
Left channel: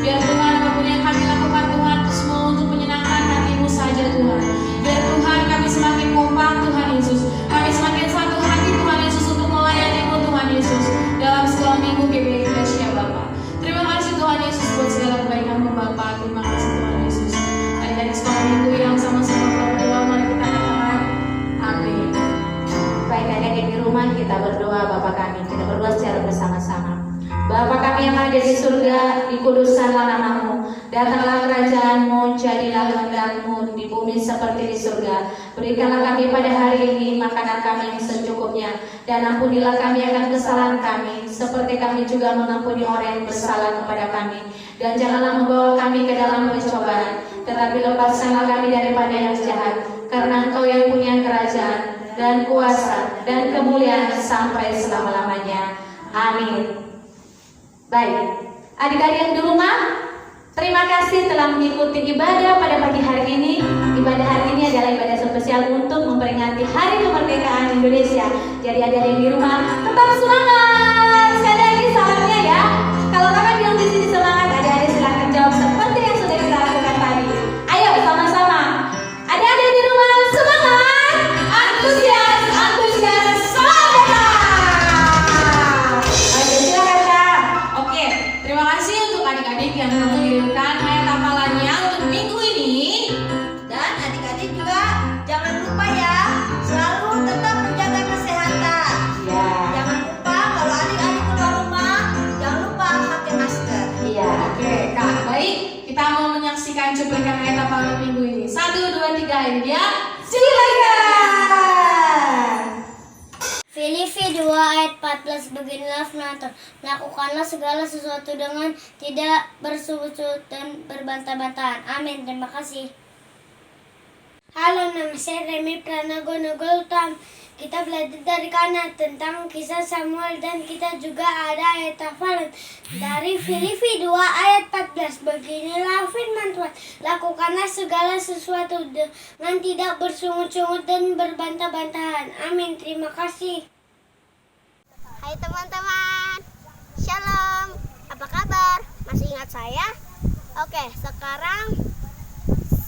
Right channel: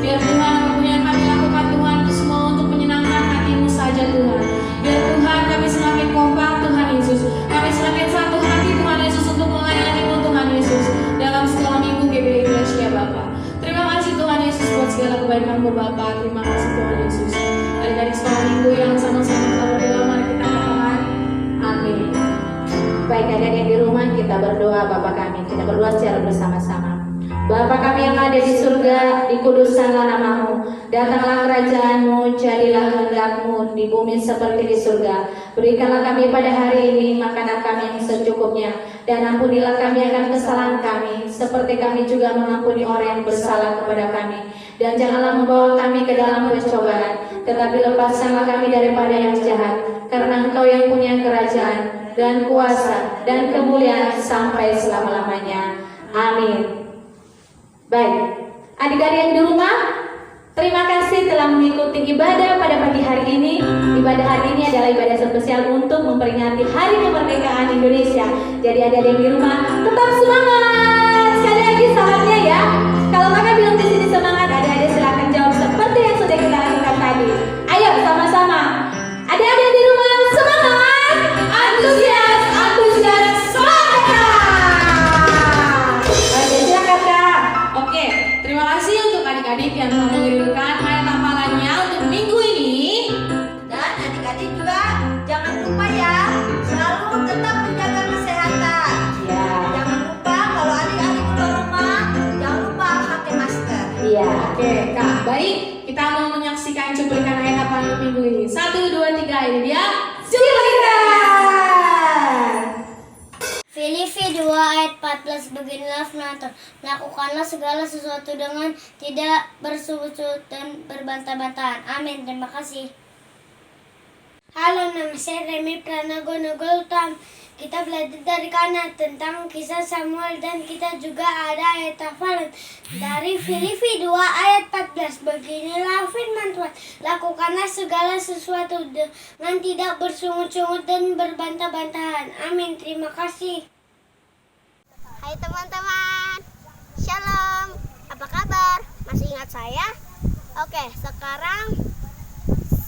Biar Tuhan apapun yang kami lakukan Tuhan itu semua untuk menyenangkan hati-Mu saja Tuhan. Biar Tuhan kami semakin kompak Tuhan Yesus. Kami semakin satu hati Tuhan Yesus untuk melayani-Mu Tuhan Yesus dalam sekolah minggu GBI Iglesia Bapak. Terima kasih Tuhan Yesus buat segala kebaikan-Mu Bapak. Terima kasih Tuhan Yesus. Adik-adik sekolah minggu yang sama-sama berdoa, mari kita katakan amin. Baik adik-adik di rumah, kita berdoa Bapa kami. Kita berdoa secara bersama-sama. Bapa kami yang ada di surga, dikuduskanlah nama-Mu. Datanglah kerajaan-Mu, jadilah kehendak-Mu di bumi seperti di surga. Berikanlah kami pada hari ini makanan kami yang secukupnya, dan ampunilah kami akan kesalahan kami, seperti kami juga mengampuni orang yang bersalah kepada kami. Dan janganlah membawa kami ke dalam pencobaan, tetapi lepaskanlah kami daripada yang jahat, karena Engkau yang punya kerajaan dan kuasa dan kemuliaan sampai selama-lamanya. Amin. Baik, adik-adik di rumah, terima kasih telah mengikuti ibadah pada pagi hari ini. Ibadah hari ini adalah ibadah spesial untuk memperingati Hari Kemerdekaan Indonesia. Jadi adik-adik di rumah, tetap semangat. Sekali lagi salamnya ya. Kalau kakak bilang di sini semangat, adik-adik silakan jawab seperti yang sudah kita lakukan tadi. Ayo sama-sama. Adik-adik di rumah, semangat. Antusias, antusias, semangat. Baik, silakan Kak. Oke, terima kasih untuk adik-adik yang telah mengirimkan ayat hafalannya untuk minggu ini. Dan adik-adik juga jangan lupa ya, selalu tetap menjaga kesehatan. Ya. Jangan lupa kalau adik-adik keluar rumah, jangan lupa pakai masker. Iya. Oke, Kak. Baik, kita mau menyaksikan cuplikan ayat hafalan minggu ini. 1, 2, 3, ini dia. Silakan. Filipi 2 ayat 14 beginilah firman Tuhan. Lakukanlah segala sesuatu dengan tidak bersungut-sungut dan berbantah-bantahan. Amin. Terima kasih. Halo, nama saya Remi Pranagono Gautam. Kita belajar dari kanan tentang kisah Samuel dan kita juga ada ayat hafalan dari Filipi 2 ayat 14. Beginilah firman Tuhan. Lakukanlah segala sesuatu dengan tidak bersungut-sungut dan berbantah-bantahan. Amin. Terima kasih. Hai teman-teman. Shalom. Apa kabar? Masih ingat saya? Oke, sekarang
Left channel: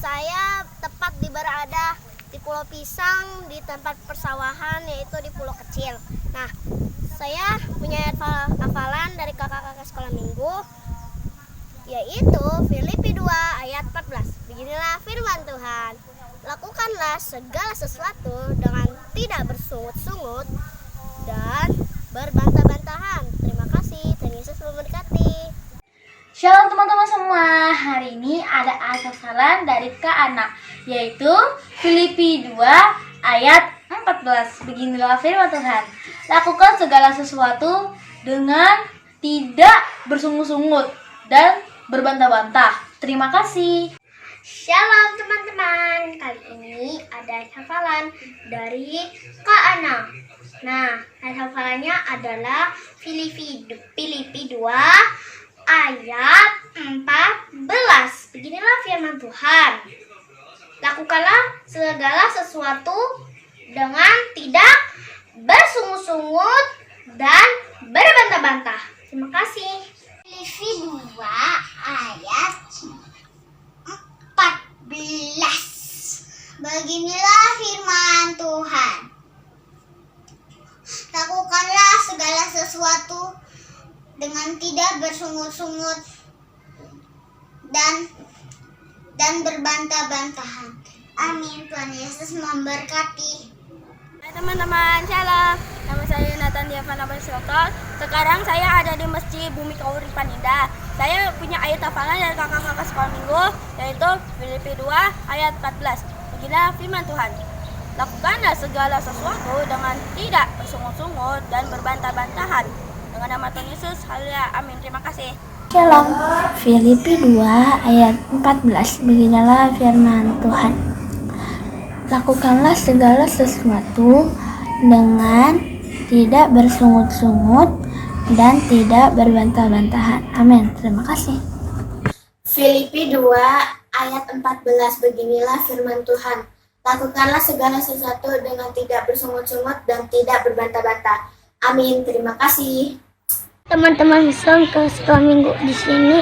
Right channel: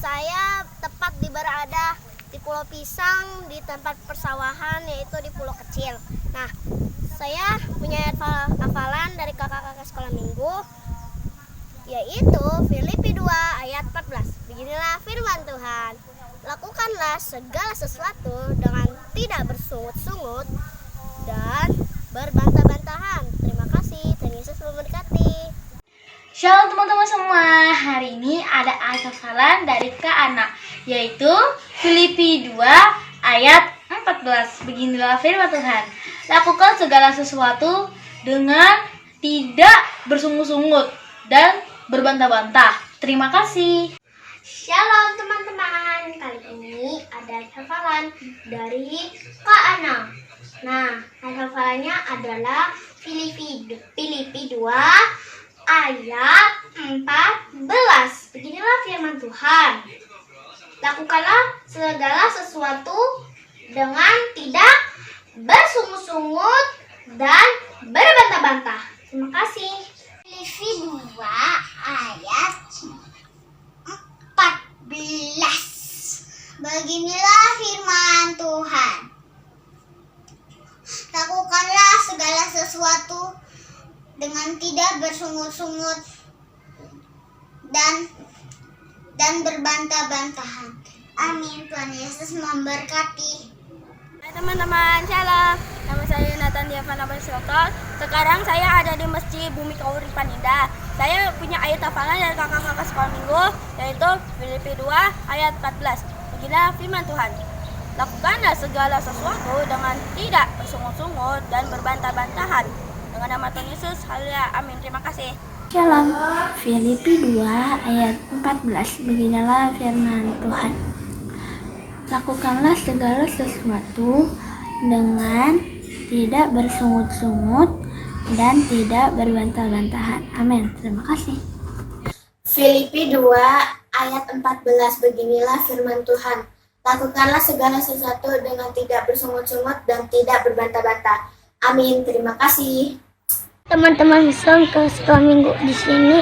saya tepat berada di Pulau Pisang di tempat persawahan, yaitu di pulau kecil. Nah, saya punya hafalan dari kakak-kakak sekolah minggu, yaitu Filipi 2 ayat 14. Beginilah firman Tuhan. Lakukanlah segala sesuatu dengan tidak bersungut-sungut dan berbantah-bantahan. Terima kasih. Tuhan Yesus memberkati. Shalom teman-teman semua. Hari ini ada ayat hafalan dari Kak Ana, yaitu Filipi 2 ayat 14. Beginilah firman Tuhan. Lakukan segala sesuatu dengan tidak bersungut-sungut dan berbantah-bantah. Terima kasih. Shalom teman-teman. Kali ini ada hafalan dari Kak Ana. Nah, ayat hafalannya adalah Filipi 2 ayat 14. Beginilah firman Tuhan. Lakukanlah segala sesuatu dengan tidak bersungut-sungut dan berbantah-bantah. Terima kasih. Filipi 2 ayat 14. Beginilah firman Tuhan. dengan tidak bersungut-sungut dan berbantah-bantahan. Amin. Tuhan Yesus memberkati. Hai teman-teman, shalom. Nama saya Nathan Diavana Basioto. Sekarang saya ada di Masjid Bumi Kauripan Indah. Saya punya ayat hafalan dari kakak-kakak sekolah minggu, yaitu Filipi 2 ayat 14. Beginilah firman Tuhan. Lakukanlah segala sesuatu dengan tidak bersungut-sungut dan berbantah-bantahan. Dengan nama Tuhan Yesus, haleluya, amin. Terima kasih. Shalom. Filipi 2 ayat 14. Beginilah firman Tuhan. Lakukanlah segala sesuatu dengan tidak bersungut-sungut dan tidak berbantah-bantahan. Amin. Terima kasih. Filipi 2 ayat 14. Beginilah firman Tuhan. Lakukanlah segala sesuatu dengan tidak bersungut-sungut dan tidak berbantah-bantah. Amin. Terima kasih. Teman-teman Islam ke sekolah minggu, di sini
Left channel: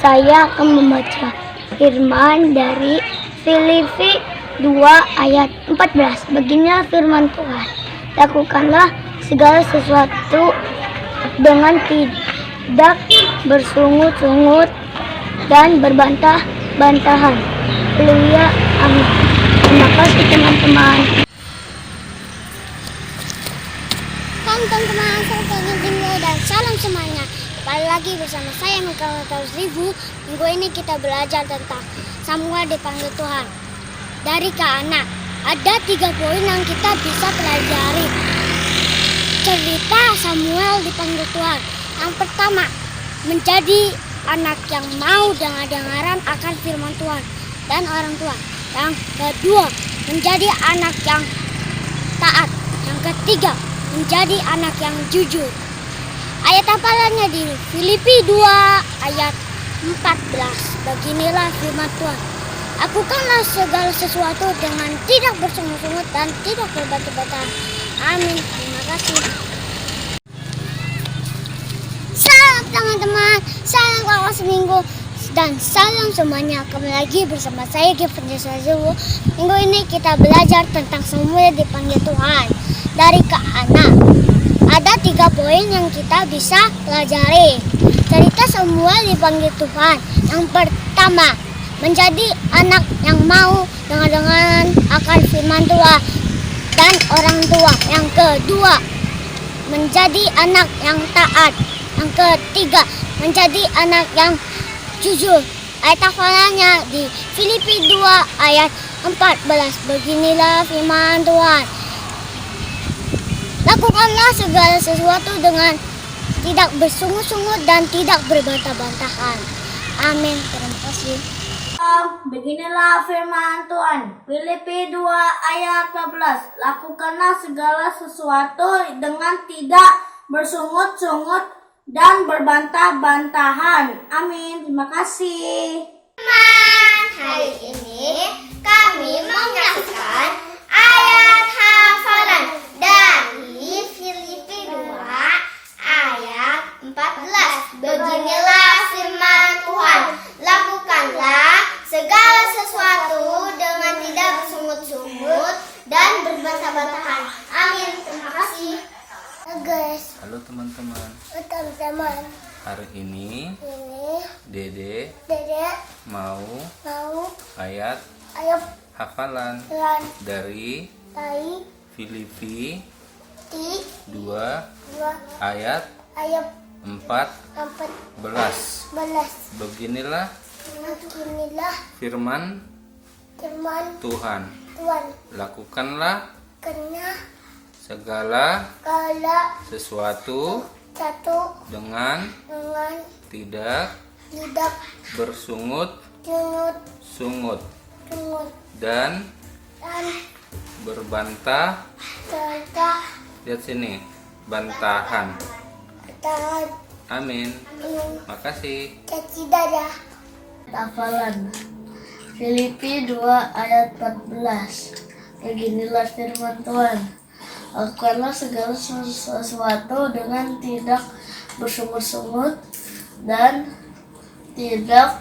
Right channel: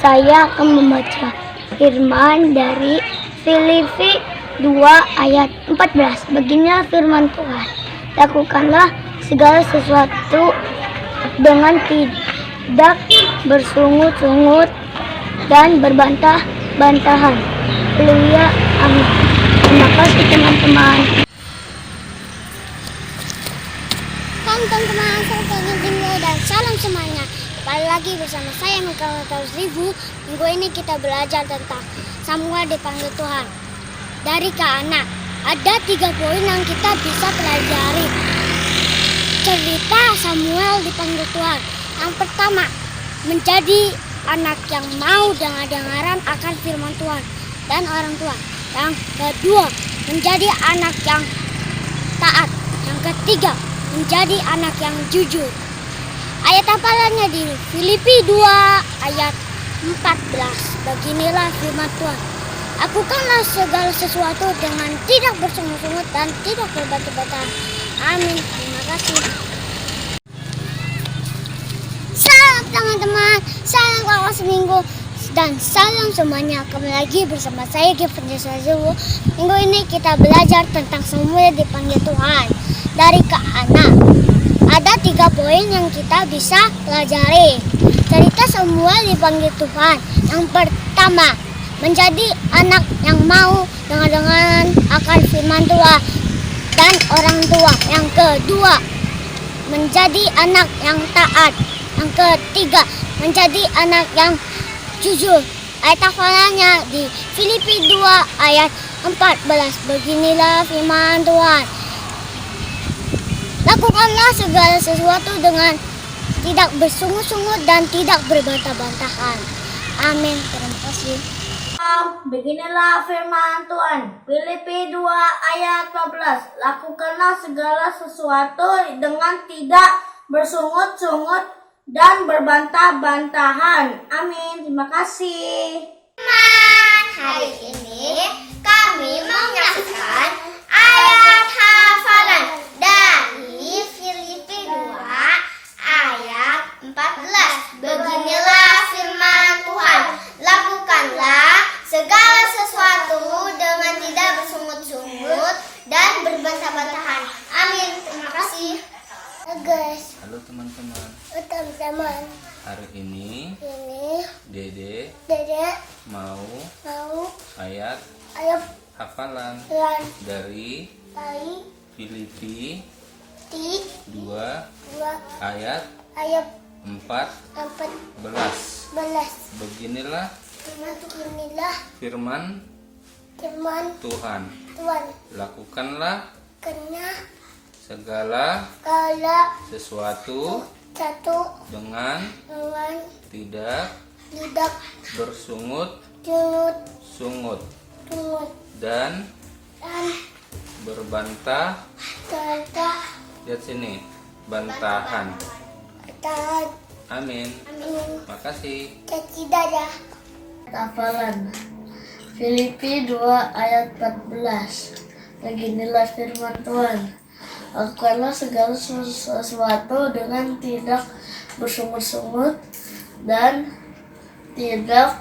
saya akan membaca firman dari Filipi 2 ayat 14. Beginilah firman Tuhan. Lakukanlah segala sesuatu dengan tidak bersungut-sungut dan berbantah-bantahan. Haleluya, amin. Terima kasih teman-teman. Teman-teman, saya pengen tinggal dan salam semuanya. Kembali lagi bersama saya Mikael Ribu. Minggu ini kita belajar tentang Samuel dipanggil Tuhan. Dari Kak Ana, ada 3 poin yang kita bisa pelajari. Cerita Samuel dipanggil Tuhan. Yang pertama, menjadi anak yang mau dengar-dengaran akan firman Tuhan dan orang tua. Yang kedua, menjadi anak yang taat. Yang ketiga, menjadi anak yang jujur. Ayat hafalannya di Filipi 2 ayat 14. Beginilah firman Tuhan. Lakukanlah segala sesuatu dengan tidak bersungut-sungut dan tidak berbantah-bantahan. Amin. Terima kasih. Salam teman-teman, salam kakak seminggu, dan salam semuanya. Kembali lagi bersama saya Gifan Yesuwu. Minggu ini kita belajar tentang Samuel dipanggil Tuhan. Dari Kak Ana, ada 3 poin yang kita bisa pelajari. Cerita Samuel dipanggil Tuhan. Yang pertama, menjadi anak yang mau dengar-dengaran akan firman Tuhan dan orang tua. Yang kedua, menjadi anak yang taat. Yang ketiga, menjadi anak yang jujur. Ayat hafalannya di Filipi 2 ayat 14. Beginilah firman Tuhan. Lakukanlah segala sesuatu dengan tidak bersungut-sungut dan tidak berbantah-bantahan. Amin. Terima kasih. Beginilah firman Tuhan. Filipi 2 ayat 14. Lakukanlah segala sesuatu dengan tidak bersungut-sungut dan berbantah-bantahan. Amin. Terima kasih. Hari ini kami menyaksikan ayat hafalan dari Filipi 2 ayat 14. Beginilah firman Tuhan. Lakukanlah segala sesuatu dengan tidak bersungut-sungut dan berbantah-bantahan. Amin. Terima kasih. Guys. Halo teman-teman. Teman-teman. Hari ini Dede mau ayat hafalan dari Filipi 2 ayat 14. Beginilah firman Tuhan. Lakukanlah segala sesuatu dengan tidak bersungut-sungut dan berbantah. Lihat sini, bantahan. Amin. Makasih. Hafalan Filipi 2 ayat 14. Beginilah firman Tuhan. Lakukanlah segala sesuatu dengan tidak bersungut-sungut dan tidak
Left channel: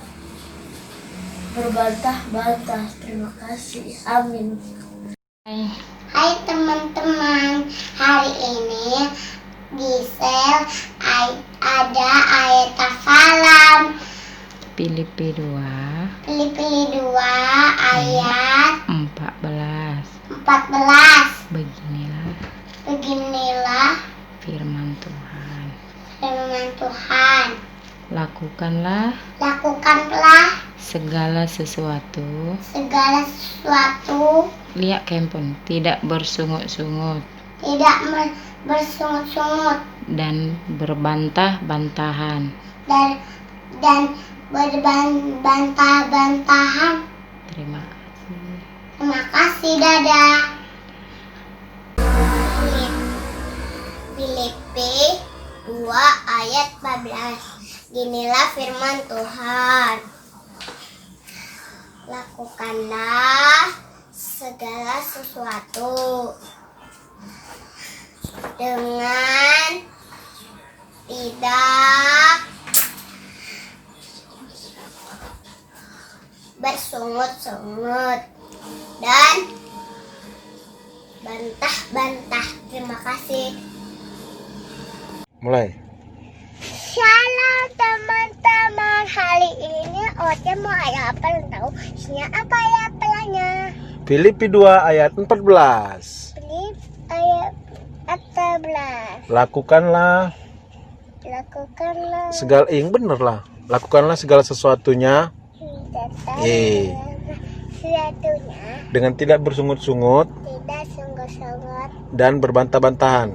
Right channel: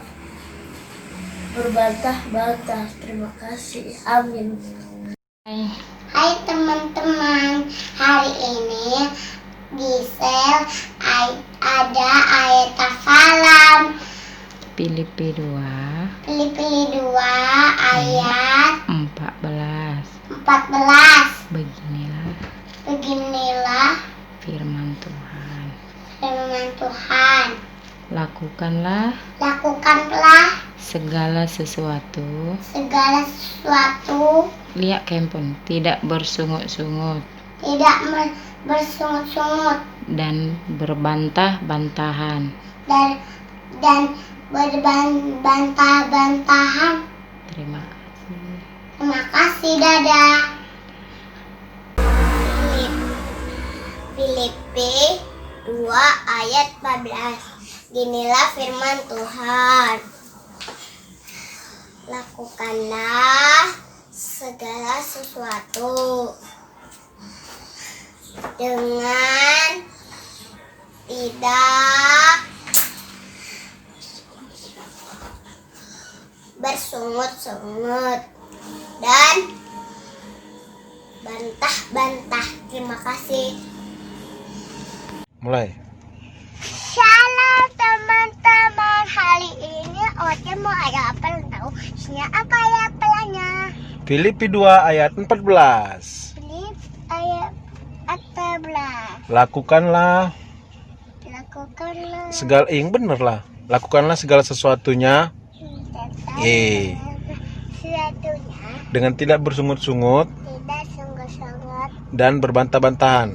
berbantah-bantah. Terima kasih. Amin. Hai teman-teman, hari ini di sel ada Filipi 2 Filipi 2 ayat 14. 14. Beginilah Beginilah firman Tuhan. firman Tuhan. Lakukanlah segala sesuatu. Lihat kempon, tidak bersungut-sungut Tidak bersungut-sungut dan berbantah-bantahan. dan berbantah-bantahan. Terima kasih. Terima kasih, dadah. Filipi 2 ayat 14. Ginilah firman Tuhan. Lakukanlah segala sesuatu dengan tidak bersungut-sungut dan bantah-bantah. Terima kasih. Mulai. Shalom teman-teman. Hari ini Oce mau ayat apa tahu? Isinya apa ya pelanya? Filipi 2 ayat 14. Filipi ayat 14. Lakukanlah segala yang bener lah. Lakukanlah segala sesuatunya sesuatunya dengan tidak bersungut-sungut tidak sungguh-sungguh dan berbantah-bantahan.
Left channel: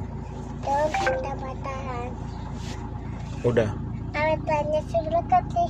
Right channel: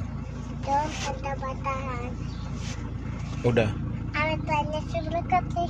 dan bantah-bantahan. Udah. Amin, Tuhan Yesus berkati.